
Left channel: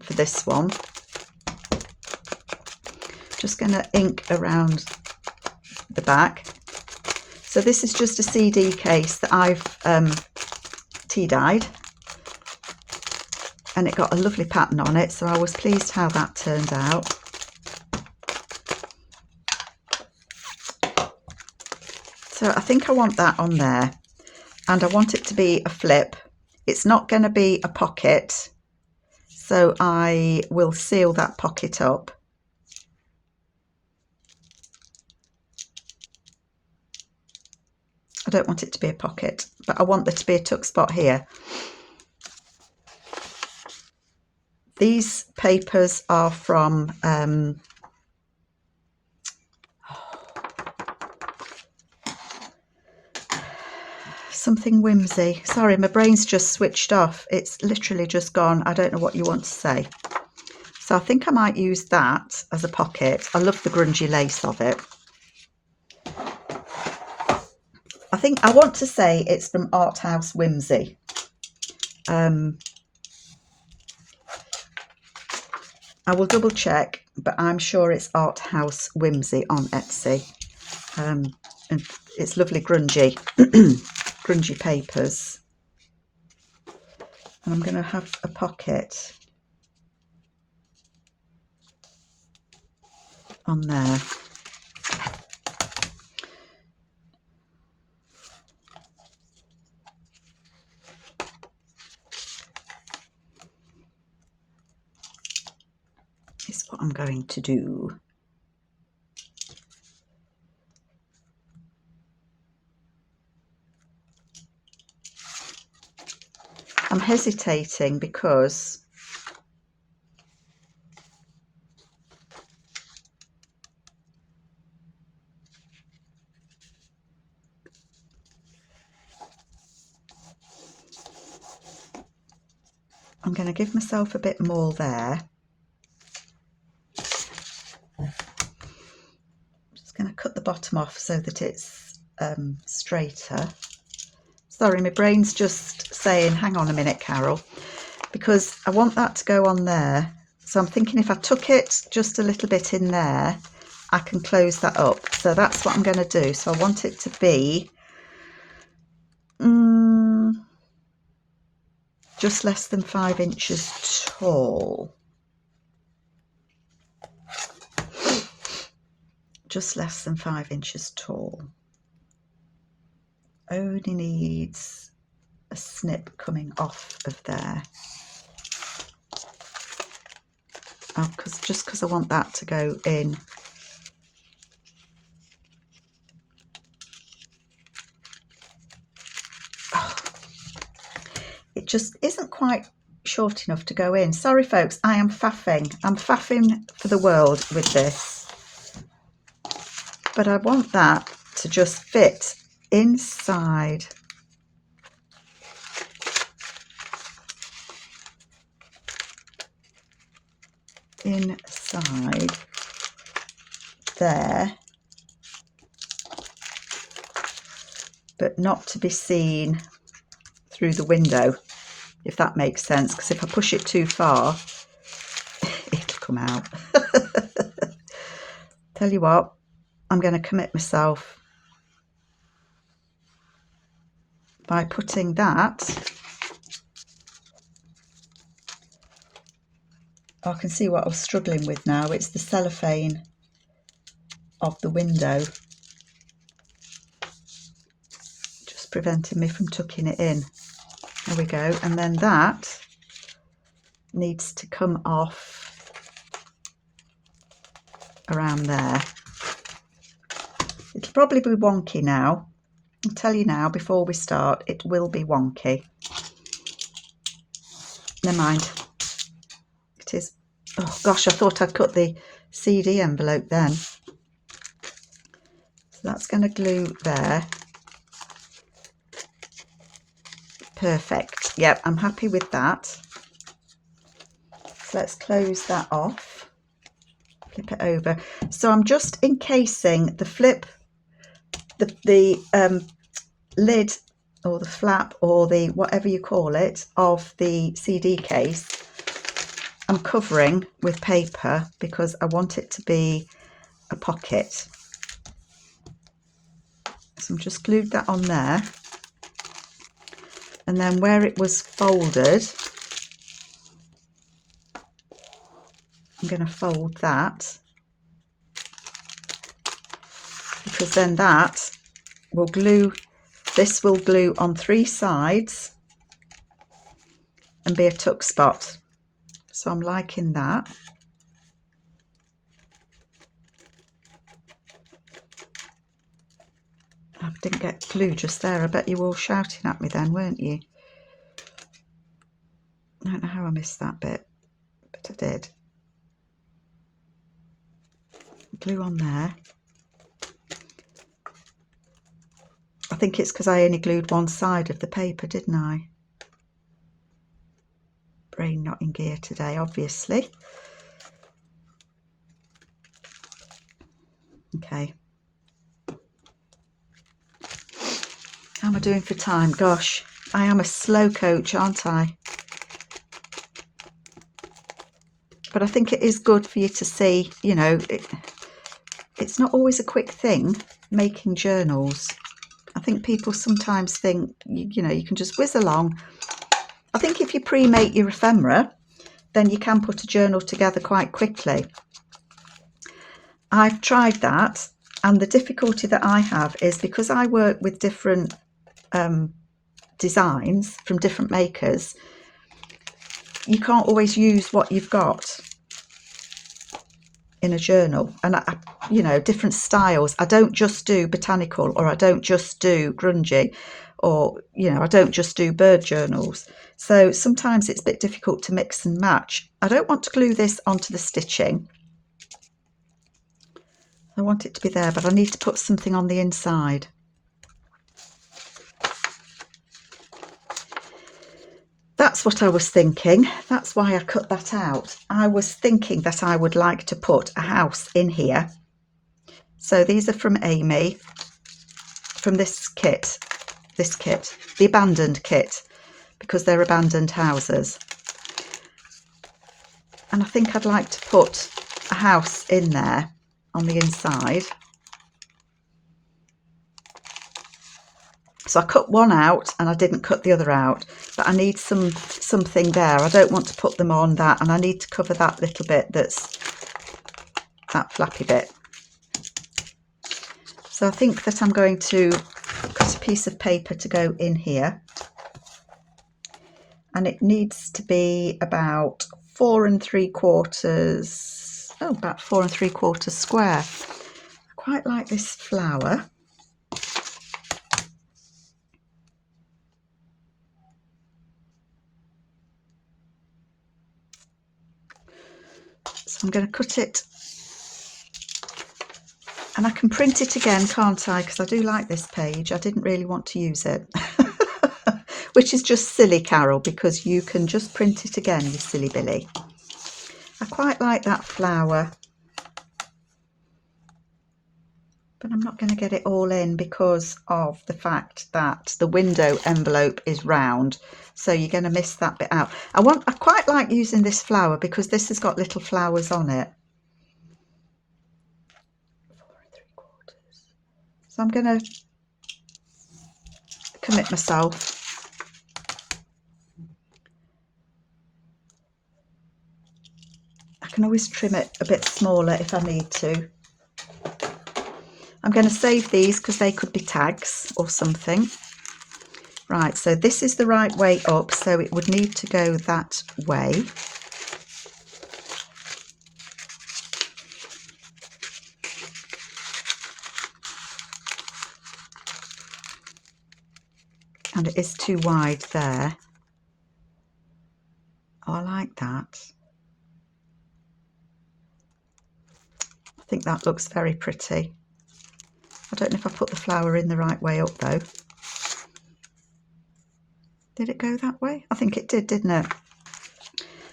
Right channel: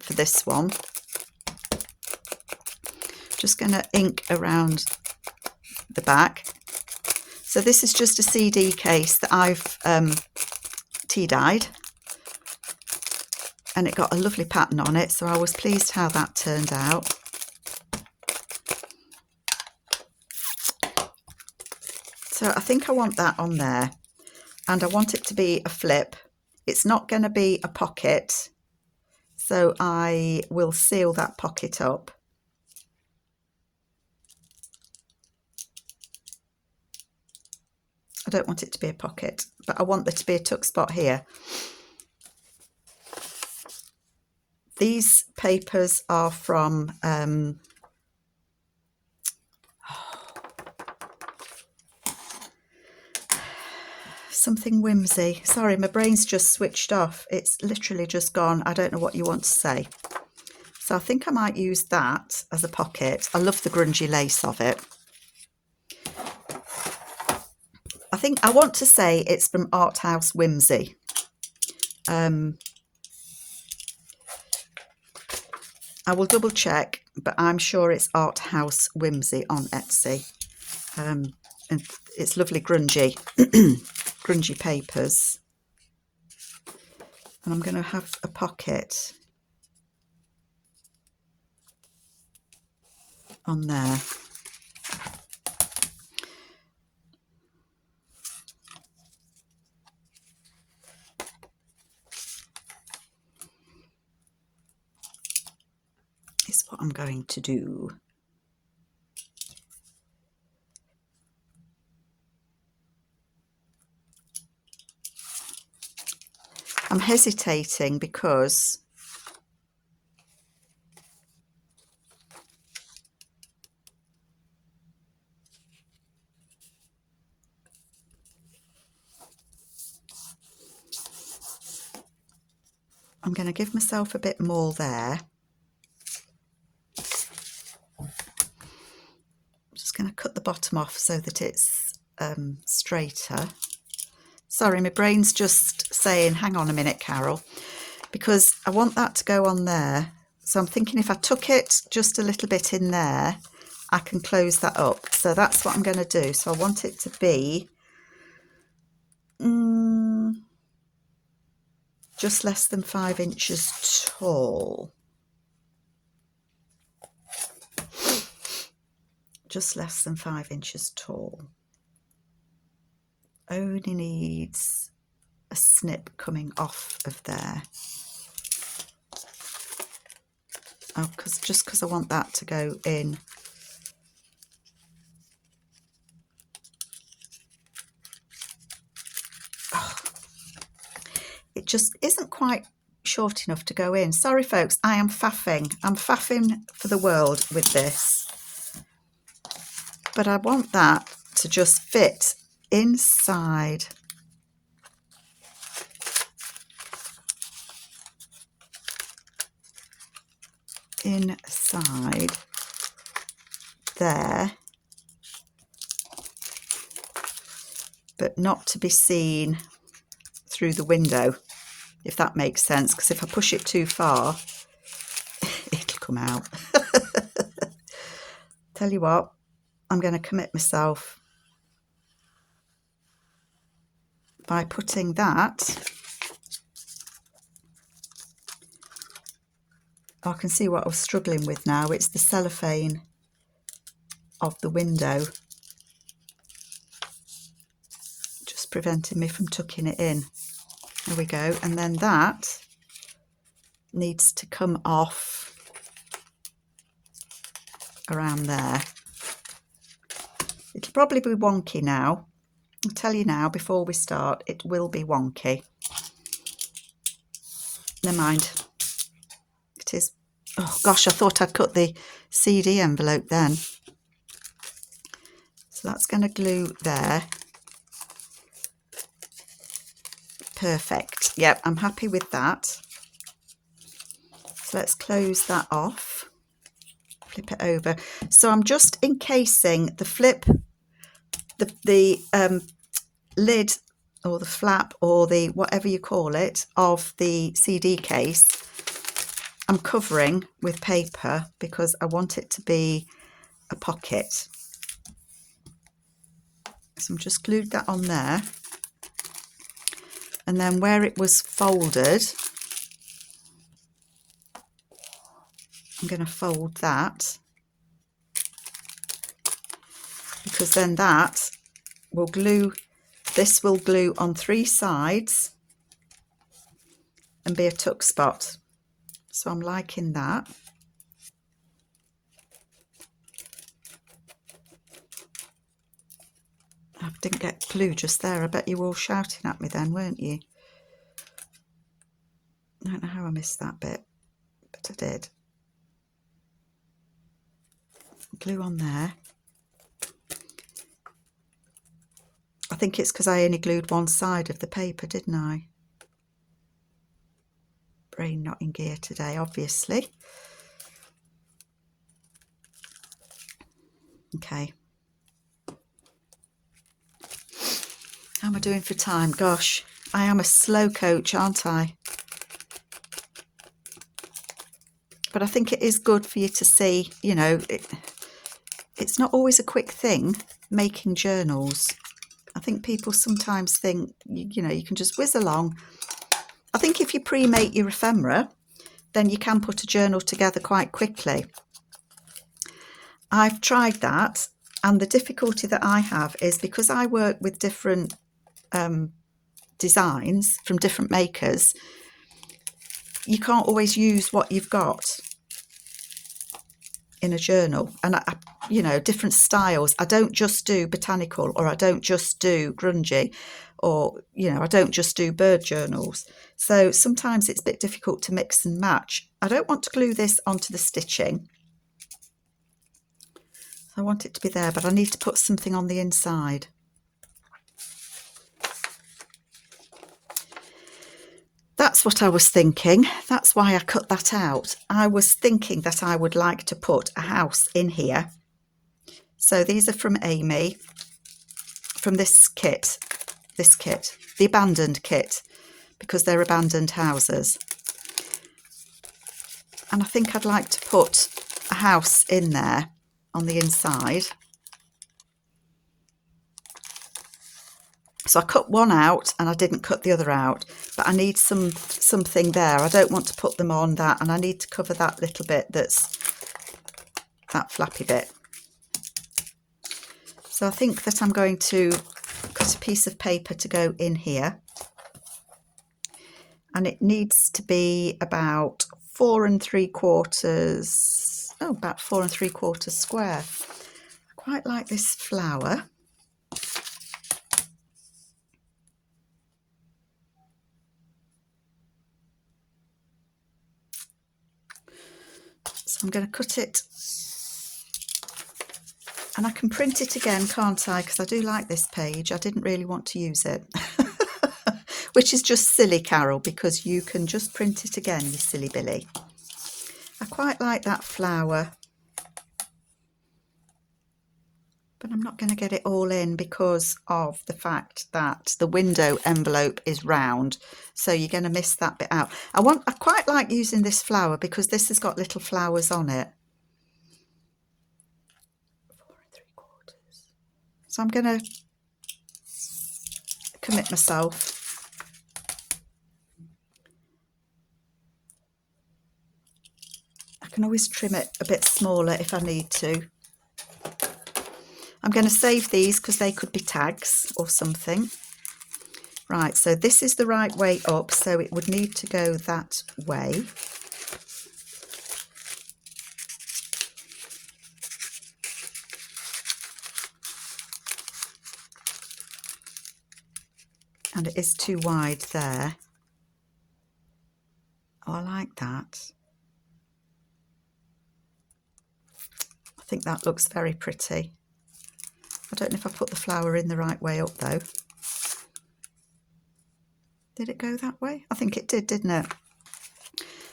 for this one. Just going to ink around the back. So this is just a CD case that I've tea dyed, and it got a lovely pattern on it, so I was pleased how that turned out. So I think I want that on there, and I want it to be a flip. It's not going to be a pocket, so I will seal that pocket up. I don't want it to be a pocket, but I want there to be a tuck spot here. These papers are from something whimsy. Sorry, my brain's just switched off. It's literally just gone. I don't know what you want to say. So I think I might use that as a pocket. I love the grungy lace of it. I think I want to say it's from Art House Whimsy. I will double check, but I'm sure it's Art House Whimsy on Etsy. And it's lovely grungy, grungy papers. And I'm going to have a pocket on there. Is what I'm going to do. I'm hesitating because I'm going to give myself a bit more there. I'm just going to cut the bottom off so that it's straighter. Sorry, my brain's just saying, hang on a minute, Carol, because I want that to go on there. So I'm thinking if I tuck it just a little bit in there, I can close that up. So that's what I'm going to do. So I want it to be just less than 5 inches tall. Just less than 5 inches tall. Only needs a snip coming off of there. Oh, just because I want that to go in. Oh, it just isn't quite short enough to go in. Sorry, folks, I am faffing. I'm faffing for the world with this. But I want that to just fit inside there, but not to be seen through the window, if that makes sense, because if I push it too far it'll come out. Tell you what, I'm going to commit myself by putting that. I can see what I was struggling with now. It's the cellophane of the window just preventing me from tucking it in. There we go. And then that needs to come off around there. It'll probably be wonky now. I'll tell you now before we start, it will be wonky. Never mind. That is, oh gosh, I thought I'd cut the CD envelope then. So that's going to glue there. Perfect. Yep, I'm happy with that. So let's close that off. Flip it over. So I'm just encasing the flip, the lid or the flap or the whatever you call it of the CD case. I'm covering with paper because I want it to be a pocket. So I'm just glued that on there. And then where it was folded, I'm going to fold that, because then that will glue, this will glue on 3 sides and be a tuck spot. So I'm liking that. I didn't get glue just there. I bet you were all shouting at me then, weren't you? I don't know how I missed that bit, but I did. Glue on there. I think it's because I only glued one side of the paper, didn't I? Brain not in gear today, obviously. Okay. How am I doing for time? Gosh, I am a slow coach, aren't I? But I think it is good for you to see, you know, it's not always a quick thing making journals. I think people sometimes think, you know, you can just whiz along. I think if you pre-make your ephemera, then you can put a journal together quite quickly. I've tried that, and the difficulty that I have is because I work with different designs from different makers, you can't always use what you've got in a journal. And you know, different styles. I don't just do botanical, or I don't just do grungy, or, you know, I don't just do bird journals. So sometimes it's a bit difficult to mix and match. I don't want to glue this onto the stitching. I want it to be there, but I need to put something on the inside. That's what I was thinking. That's why I cut that out. I was thinking that I would like to put a house in here. So these are from Amy, from this kit, the abandoned kit, because they're abandoned houses. And I think I'd like to put a house in there on the inside. So I cut one out and I didn't cut the other out, but I need something there. I don't want to put them on that, and I need to cover that little bit, that's that flappy bit. So I think that I'm going to cut a piece of paper to go in here, and it needs to be about 4 3/4, about 4 3/4 square. I quite like this flower. So I'm going to cut it, and I can print it again, can't I? Because I do like this page. I didn't really want to use it, which is just silly, Carol, because you can just print it again, you silly Billy. I quite like that flower, but I'm not going to get it all in because of the fact that the window envelope is round, so you're going to miss that bit out. I quite like using this flower because this has got little flowers on it. 4 3/4. So I'm going to commit myself. I can always trim it a bit smaller if I need to. I'm going to save these because they could be tags or something. Right, so this is the right way up, so it would need to go that way. And it is too wide there. Oh, I like that. think that looks very pretty. I don't know if I put the flower in the right way up though. Did it go that way? I think it did, didn't it?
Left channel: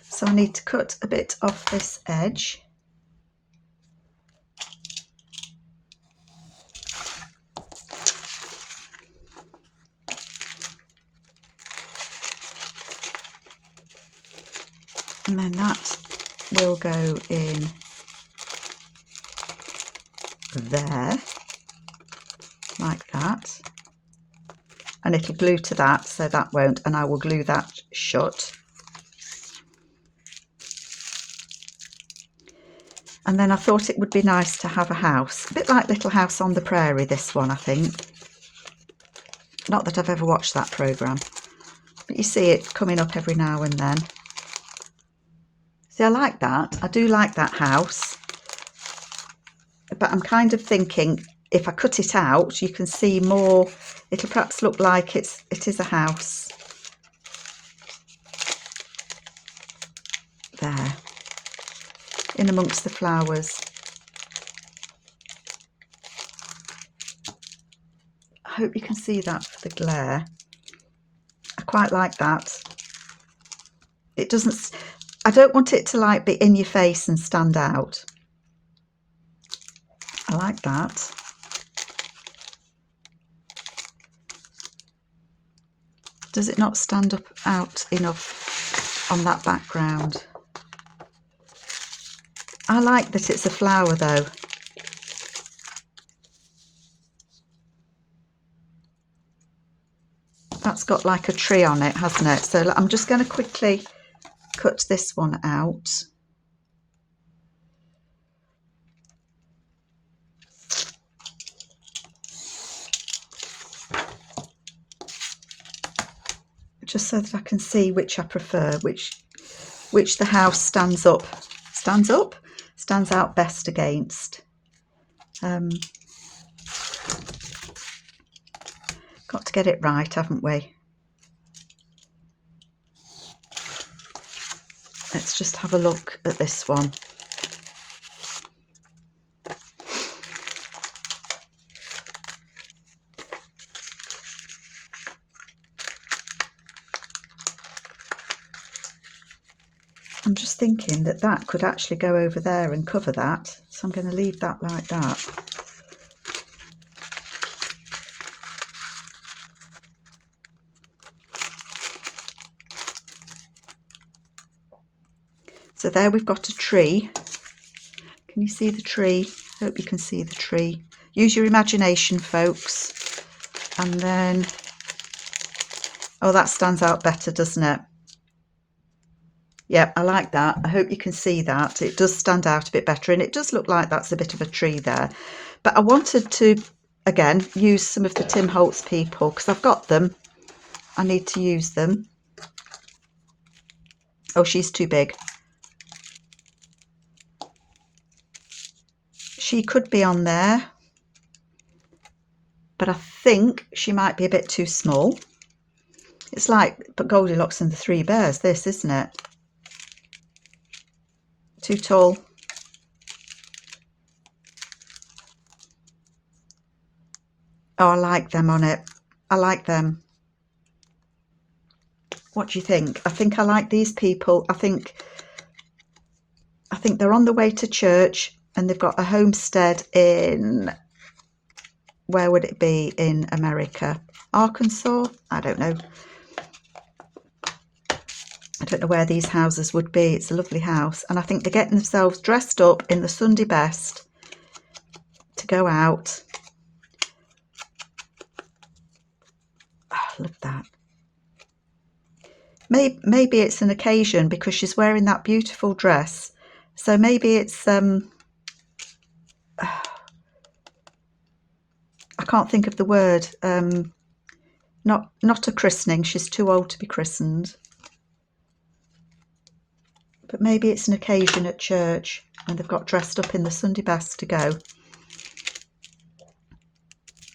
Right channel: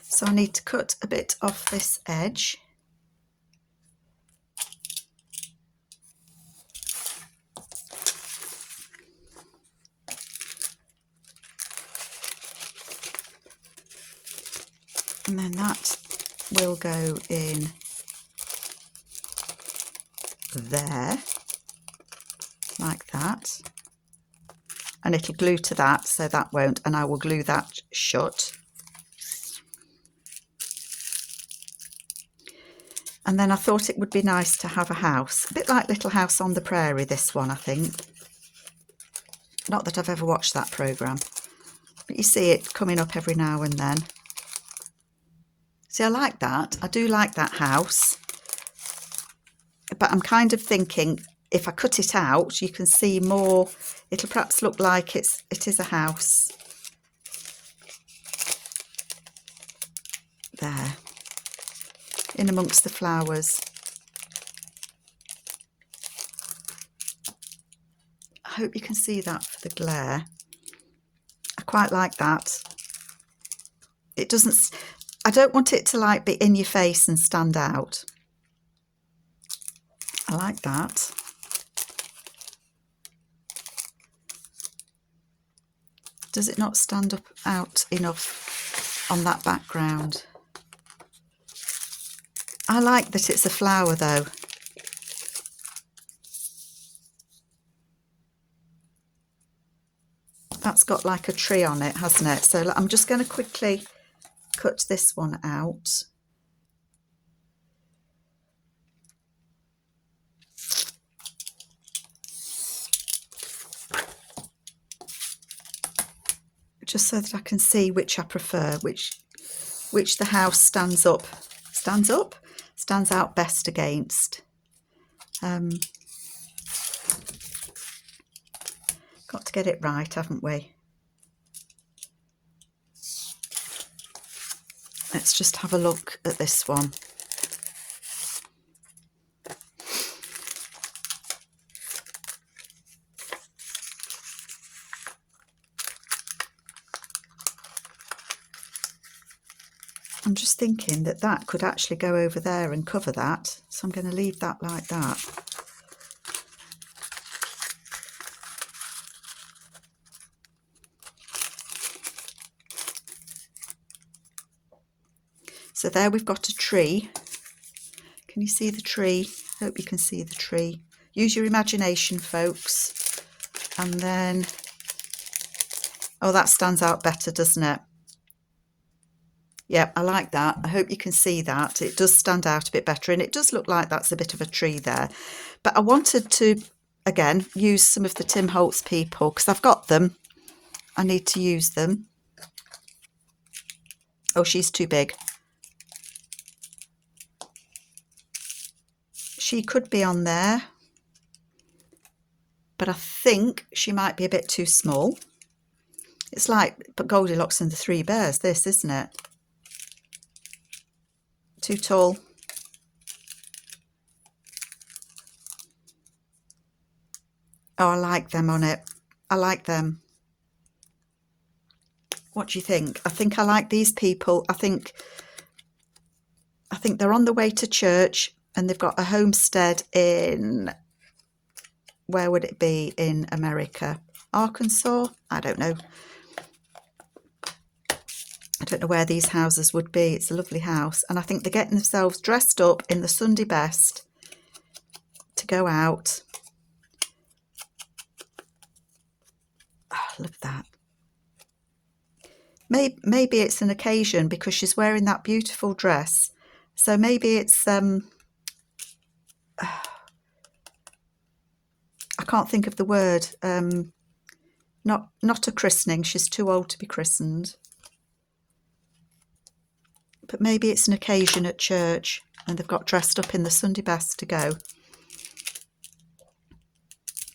So I need to cut a bit off this edge. And then that will go in there, like that. And it'll glue to that, so that won't, and I will glue that shut. And then I thought it would be nice to have a house, a bit like Little House on the Prairie, this one, I think. Not that I've ever watched that programme, but you see it coming up every now and then. See, I like that. I do like that house. But I'm kind of thinking, if I cut it out, you can see more. It'll perhaps look like it is a house. There. In amongst the flowers. I hope you can see that for the glare. I quite like that. It doesn't, I don't want it to like be in your face and stand out. I like that. Does it not stand up out enough on that background? I like that it's a flower though. That's got like a tree on it, hasn't it? So I'm just going to quickly cut this one out. Just so that I can see which I prefer, which the house stands out best against. Got to get it right, haven't we? Let's just have a look at this one. I'm just thinking that that could actually go over there and cover that. So I'm going to leave that like that. So there we've got a tree. Can you see the tree? Hope you can see the tree. Use your imagination, folks. And then, oh, that stands out better, doesn't it? Yep, I like that. I hope you can see that. It does stand out a bit better, and it does look like that's a bit of a tree there. But I wanted to, again, use some of the Tim Holtz people, because I've got them. I need to use them. Oh, she's too big. She could be on there, but I think she might be a bit too small. It's like Goldilocks and the Three Bears, this, isn't it? Too tall. Oh, I like them on it. I like them. What do you think? I think I like these people. I think they're on the way to church, and they've got a homestead in, where would it be in America? Arkansas? I don't know. I don't know where these houses would be. It's a lovely house. And I think they're getting themselves dressed up in the Sunday best to go out. Oh, look at that. Maybe it's an occasion because she's wearing that beautiful dress. So maybe it's, I can't think of the word. Not a christening. She's too old to be christened. But maybe it's an occasion at church and they've got dressed up in the Sunday best to go.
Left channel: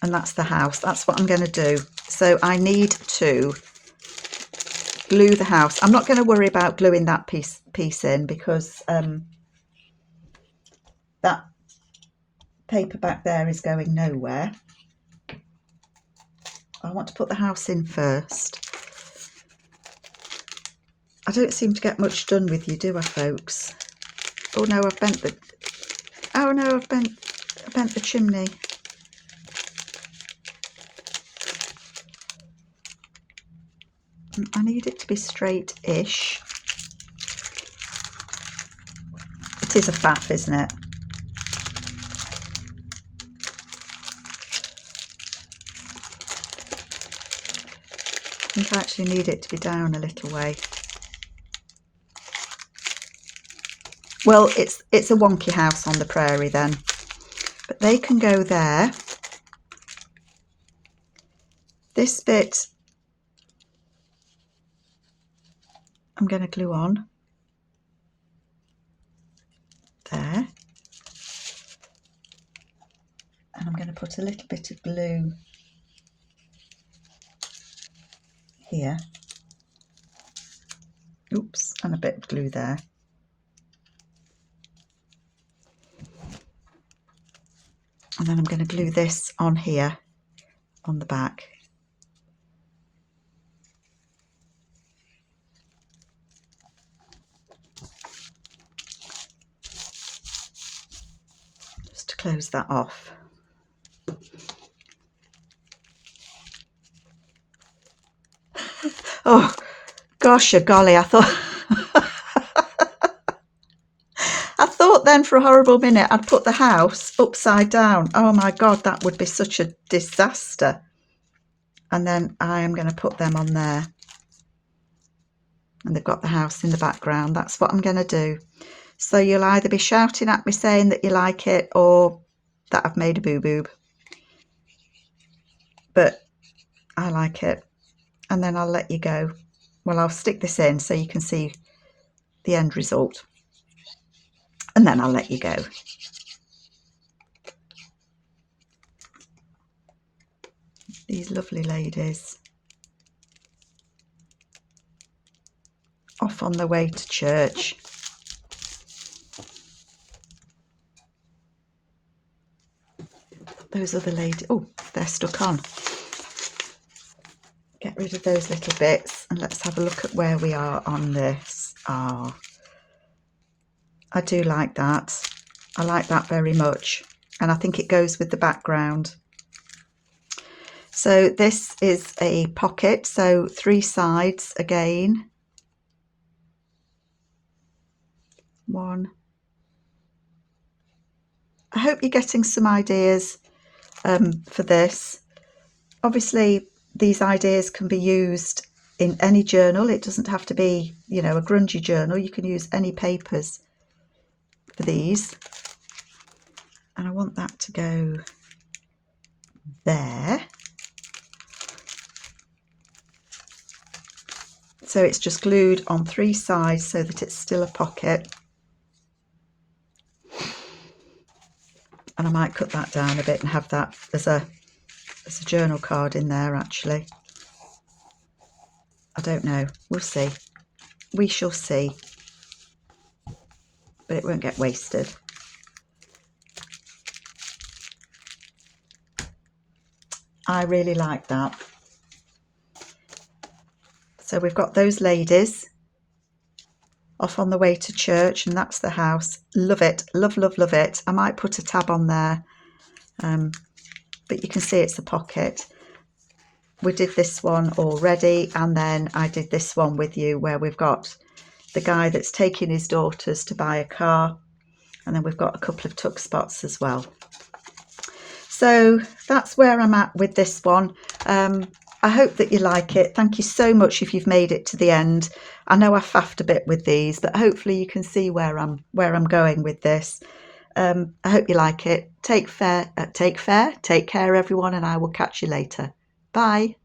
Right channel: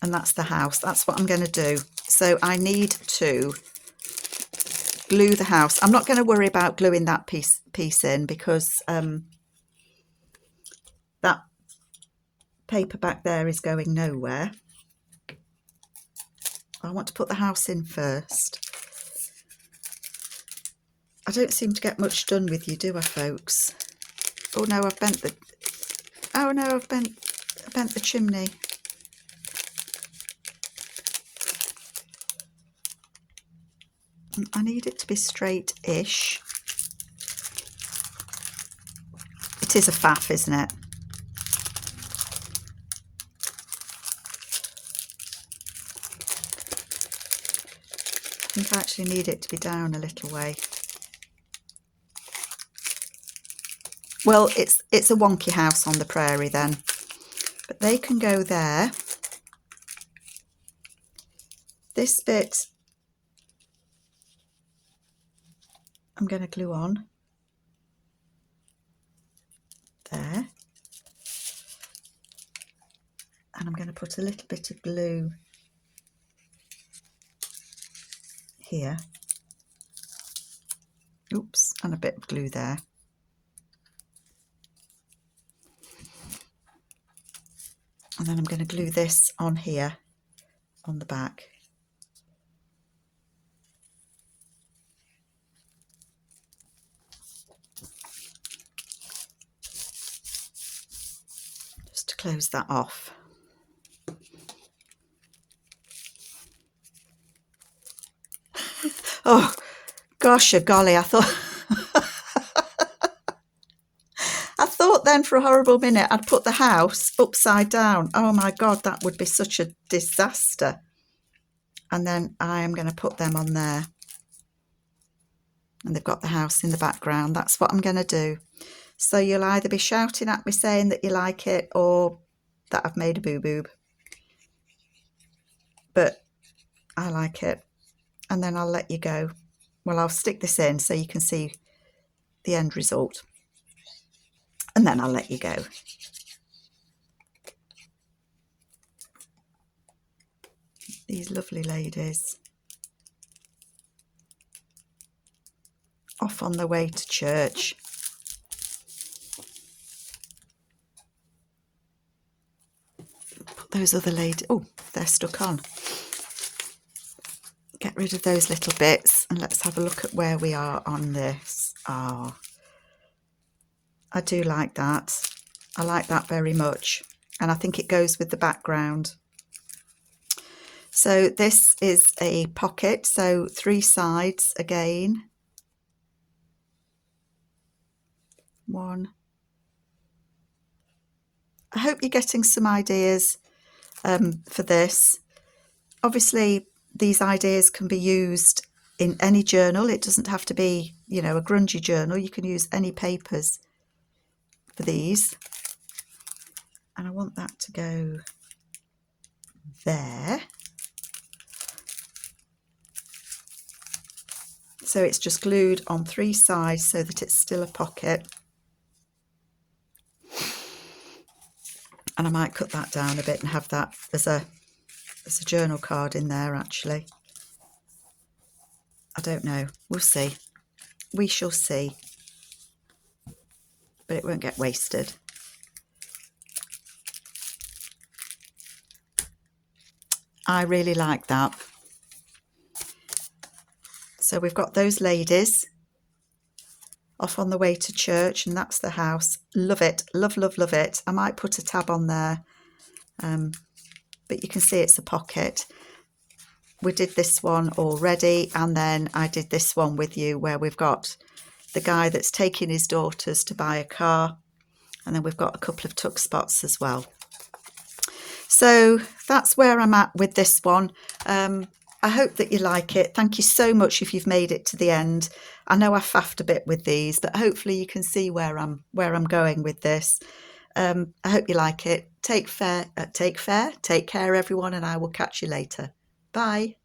And that's the house. That's what I'm going to do. So I need to glue the house. I'm not going to worry about gluing that piece in because that paper back there is going nowhere. I want to put the house in first. I don't seem to get much done with you, do I, folks? Oh no, I've bent the... Oh no, I bent the chimney. I need it to be straight-ish. It is a faff, isn't it? I think I actually need it to be down a little way. Well, it's a wonky house on the prairie then, but they can go there. This bit I'm going to glue on there, and I'm going to put a little bit of glue here. Oops, and a bit of glue there. And then I'm going to glue this on here on the back. Just to close that off. Oh, gosh, golly, I thought then for a horrible minute I'd put the house upside down. Oh my God, that would be such a disaster. And then I am going to put them on there. And they've got the house in the background. That's what I'm going to do. So you'll either be shouting at me saying that you like it or that I've made a boo-boob. But I like it. And then I'll let you go. Well, I'll stick this in so you can see the end result. And then I'll let you go. These lovely ladies. Off on the way to church. Put those other ladies, oh, they're stuck on. Get rid of those little bits and let's have a look at where we are on this. Oh, I do like that. I like that very much. And I think it goes with the background. So this is a pocket, so 3 sides again. 1. I hope you're getting some ideas for this. Obviously, these ideas can be used in any journal. It doesn't have to be, you know, a grungy journal. You can use any papers for these. And I want that to go there. So it's just glued on 3 sides so that it's still a pocket. And I might cut that down a bit and have that as a journal card in there, actually. I don't know. We'll see. We shall see. But it won't get wasted. I really like that. So we've got those ladies off on the way to church, and that's the house. Love it. Love, love, love it. I might put a tab on there, but you can see it's a pocket. We did this one already, and then I did this one with you where we've got the guy that's taking his daughters to buy a car, and then we've got a couple of tuck spots as well. So that's where I'm at with this one. I hope that you like it. Thank you so much if you've made it to the end. I know I faffed a bit with these, but hopefully you can see where I'm going with this. I hope you like it. Take care, everyone, and I will catch you later. Bye.